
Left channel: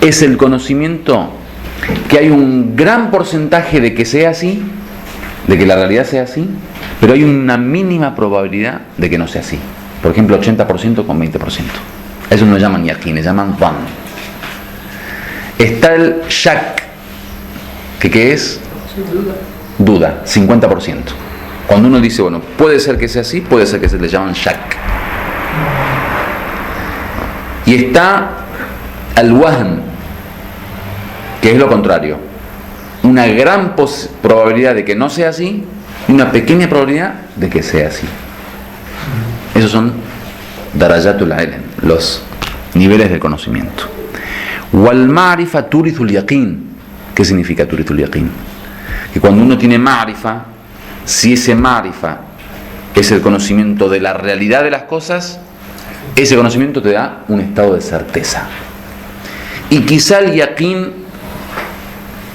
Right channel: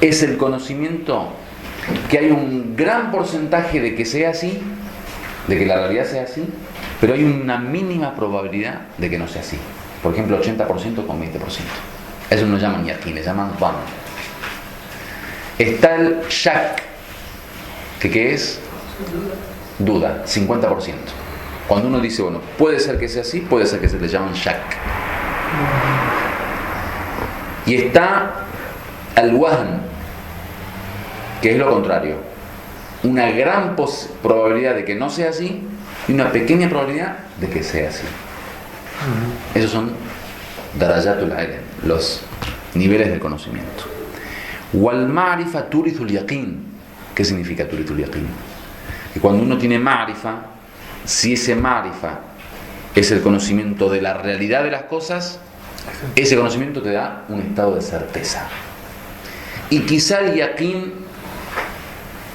Es el conocimiento que hay un gran porcentaje de que sea así, de que la realidad sea así, pero hay una mínima probabilidad de que no sea así. Por ejemplo, 80% con 20%. Eso no llaman yaqin, le llaman dhan. Está el shak, que es duda, 50%. Cuando uno dice, bueno, puede ser que sea así, puede ser que se le llaman shak. Y está el wahn, que es lo contrario. Una gran probabilidad de que no sea así y una pequeña probabilidad de que sea así. Esos son darajatul ilm, los niveles del conocimiento. Wal ma'rifa turithul yaqin. ¿Qué significa turithul yaqin? Que cuando uno tiene ma'rifa, si ese ma'rifa es el conocimiento de la realidad de las cosas, ese conocimiento te da un estado de certeza. Y quizá el yaqin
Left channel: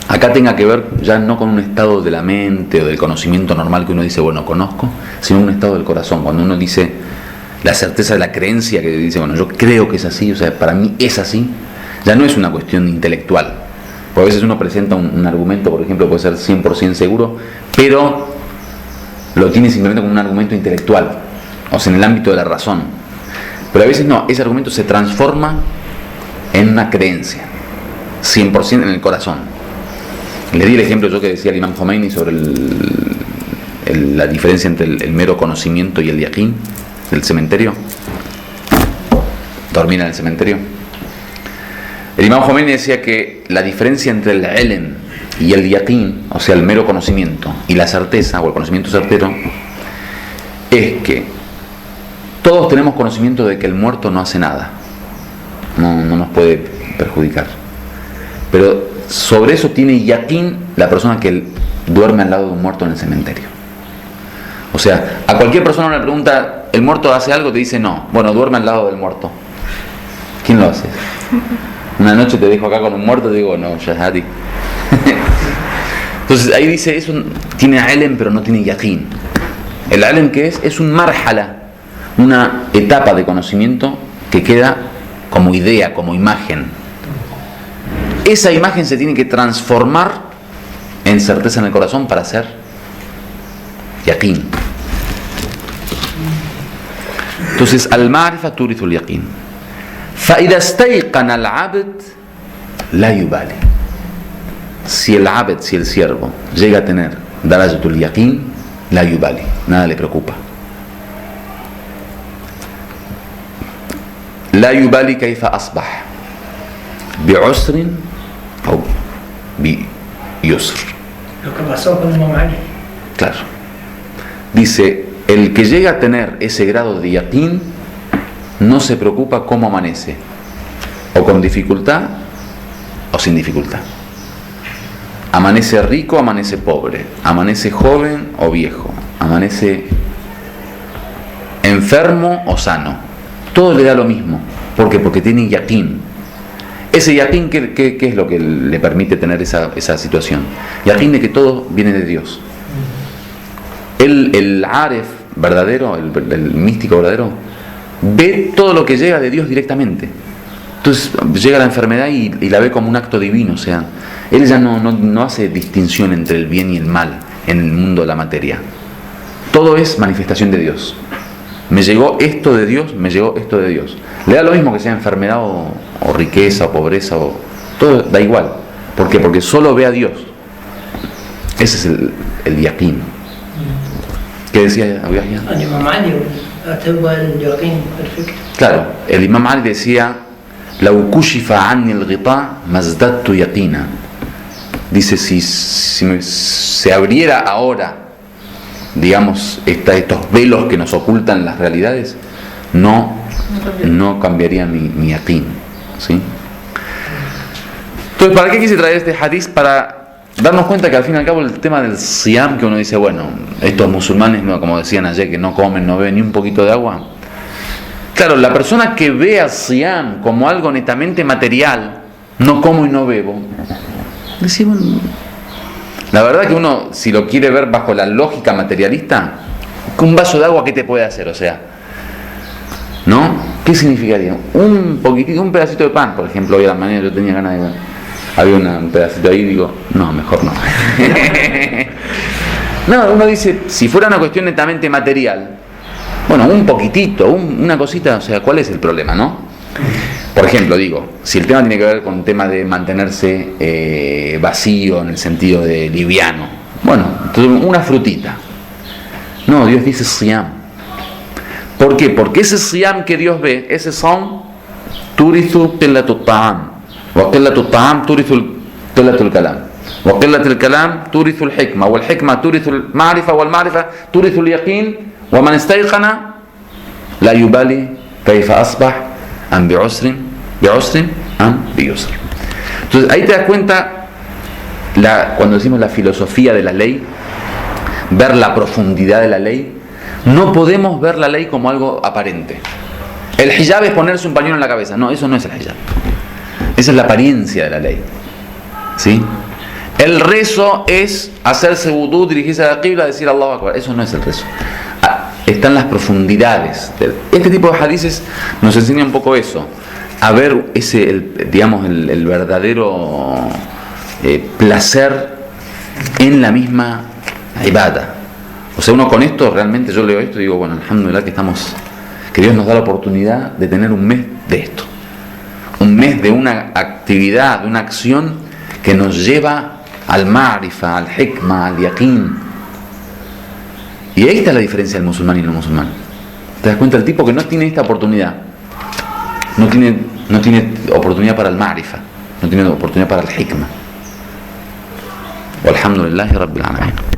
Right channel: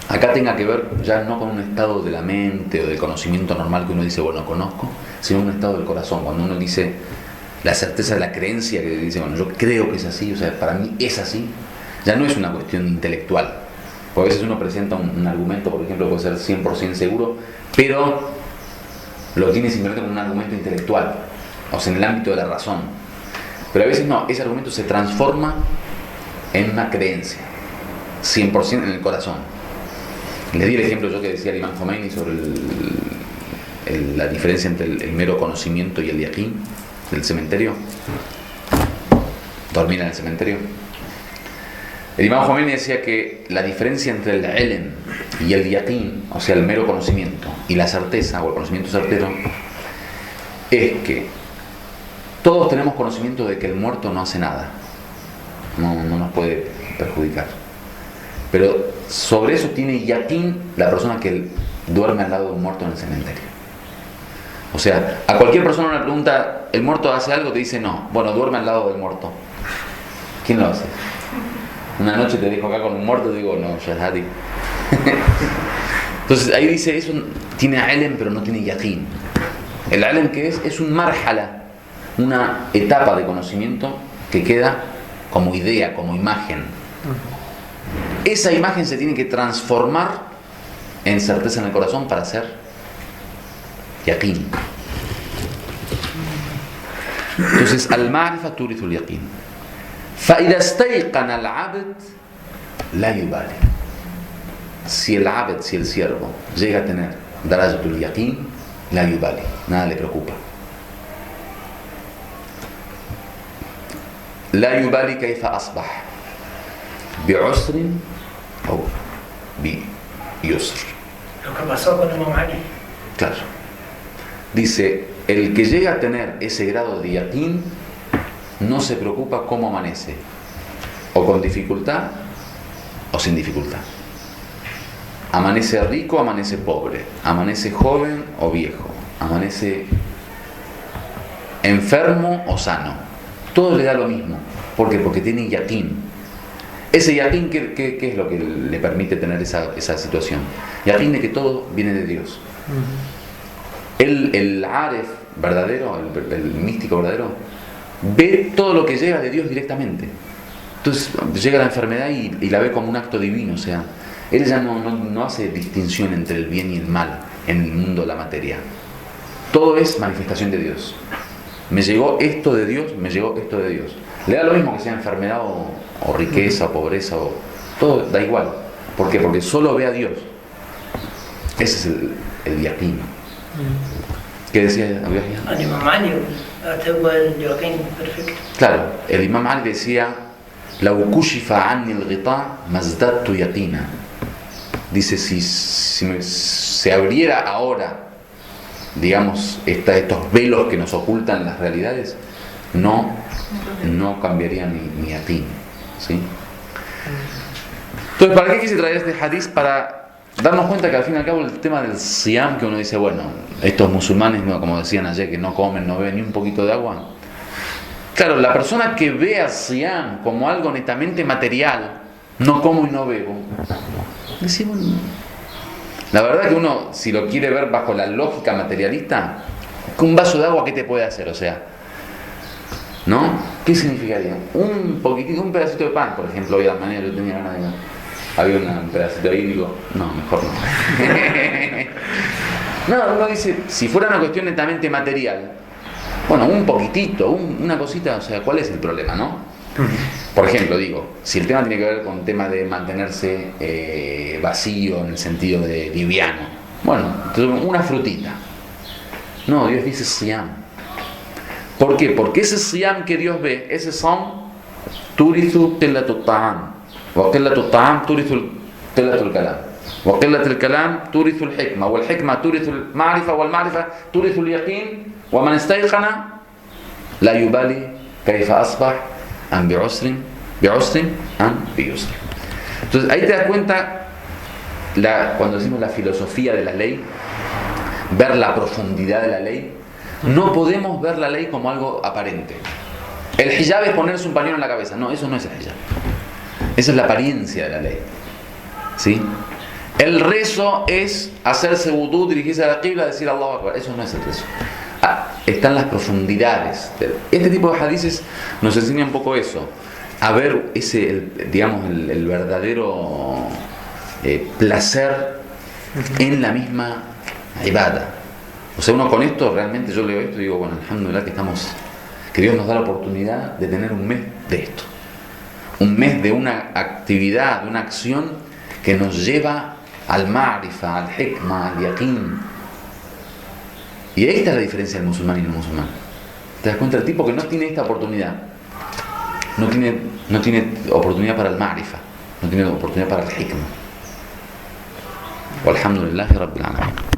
acá tenga que ver ya no con un estado de la mente o del conocimiento normal que uno dice, bueno, conozco, sino un estado del corazón. Cuando uno dice la certeza de la creencia, que dice, bueno, yo creo que es así, o sea, para mí es así, ya no es una cuestión intelectual. Porque a veces uno presenta un argumento, por ejemplo, puede ser 100% seguro, pero lo tiene simplemente como un argumento intelectual, o sea, en el ámbito de la razón. Pero a veces no, ese argumento se transforma en una creencia, 100% en el corazón. Le di el ejemplo yo que decía el Imam Khomeini sobre la diferencia entre el mero conocimiento y el yaqin, del cementerio. Dormir en el cementerio. El Imam Khomeini decía que la diferencia entre el ilm y el yaqin, o sea, el mero conocimiento, y la certeza, o el conocimiento certero, es que todos tenemos conocimiento de que el muerto no hace nada, no nos puede perjudicar. Pero sobre eso tiene yaqin la persona que duerme al lado de un muerto en el cementerio. O sea, a cualquier persona le pregunta, ¿el muerto hace algo? Te dice no. Bueno, duerme al lado del muerto. ¿Quién lo hace? Una noche te dejo acá con un muerto y digo, no, Shahadi. Entonces ahí dice, tiene ilm pero no tiene yaqin. El ilm, ¿qué es? Es un marhala, una etapa de conocimiento que queda como idea, como imagen. Esa imagen se tiene que transformar en certeza en el corazón para ser yaqin. Entonces, al-ma'rifa turithu al-yaqin. فإذا استيقن العبد لا يبالي. Si el abed, si el siervo llega a tener darajatul yaqin, la yubali, nada le preocupa. La yubali kayfa asbah, bi'usrin o bi'yusr. Lo que pasó con Imam Ali. Claro. Dice, el que llega a tener ese grado de yaqin no se preocupa cómo amanece, o con dificultad o sin dificultad. Amanece rico, amanece pobre, amanece joven o viejo, amanece enfermo o sano. Todo le da lo mismo. ¿Por qué? Porque tiene yaqin. Ese yaqin, ¿qué es lo que le permite tener esa situación? Yaqin de que todo viene de Dios. El aref verdadero, el místico verdadero, ve todo lo que llega de Dios directamente. Entonces llega la enfermedad y la ve como un acto divino. O sea, él ya no hace distinción entre el bien y el mal en el mundo de la materia. Todo es manifestación de Dios. Me llegó esto de Dios, me llegó esto de Dios. Le da lo mismo que sea enfermedad o riqueza o pobreza, todo da igual. ¿Por qué? Porque solo ve a Dios. Ese es el yaqin. ¿Qué decía Abu Yahya? El Imam Ali tuvo el yaqin perfecto. Claro, el Imam Ali decía: "Lau kushifa anni al-ghita mazdadtu yaqina". Dice, si se abriera ahora, digamos, estos velos que nos ocultan las realidades, no cambiaría mi yaqin, ¿sí? Entonces, ¿para qué quise traer este hadith? Para darnos cuenta que al fin y al cabo el tema del siyam, que uno dice, bueno, estos musulmanes, como decían ayer, que no comen, no beben ni un poquito de agua. Claro, la persona que ve al siyam como algo netamente material, no como y no bebo, dice, bueno, la verdad que uno, si lo quiere ver bajo la lógica materialista, que un vaso de agua, ¿qué te puede hacer? O sea, ¿no? ¿Qué significaría? Un poquitito, un pedacito de pan, por ejemplo. Hoy a la mañana yo tenía ganas de... Había un pedacito ahí y digo, no, mejor no. No, uno dice, si fuera una cuestión netamente material, bueno, un poquitito, una cosita, o sea, ¿cuál es el problema, no? Por ejemplo, digo, si el tema tiene que ver con el tema de mantenerse vacío en el sentido de liviano, bueno, entonces una frutita. No, Dios dice siyam. ¿Por qué? Porque ese siyam que Dios ve, ese son turithu qillatut ta'am, wa qillatut ta'am turithu qillatul kalam, wa qillatul kalam turithu al-hikma, wal hikma turithu al-ma'rifa, wal ma'rifa turithu al-yaqin, wa man istayqana la yubali kayfa asbah am bi'usrin am biyusr. Entonces ahí te das cuenta cuando decimos la filosofía de la ley, ver la profundidad de la ley. No podemos ver la ley como algo aparente. El hijab es ponerse un pañuelo en la cabeza. No, eso no es el hijab. Esa es la apariencia de la ley, ¿sí? El rezo es hacerse wudú, dirigirse a la qibla, decir Allahu Akbar. Eso no es el rezo. Están las profundidades. Este tipo de hadices nos enseña un poco eso, a ver el verdadero placer en la misma ibada. O sea, uno con esto, realmente yo leo esto y digo, bueno, alhamdulillah que Dios nos da la oportunidad de tener un mes de esto, un mes de una actividad, de una acción que nos lleva al ma'rifa, al hikma, al yaqin. Y ahí está la diferencia del musulmán y el no musulmán. ¿Te das cuenta? El tipo que no tiene esta oportunidad, no tiene oportunidad para el ma'rifa, no tiene oportunidad para el hikma. Walhamdulillahi rabbil alamin.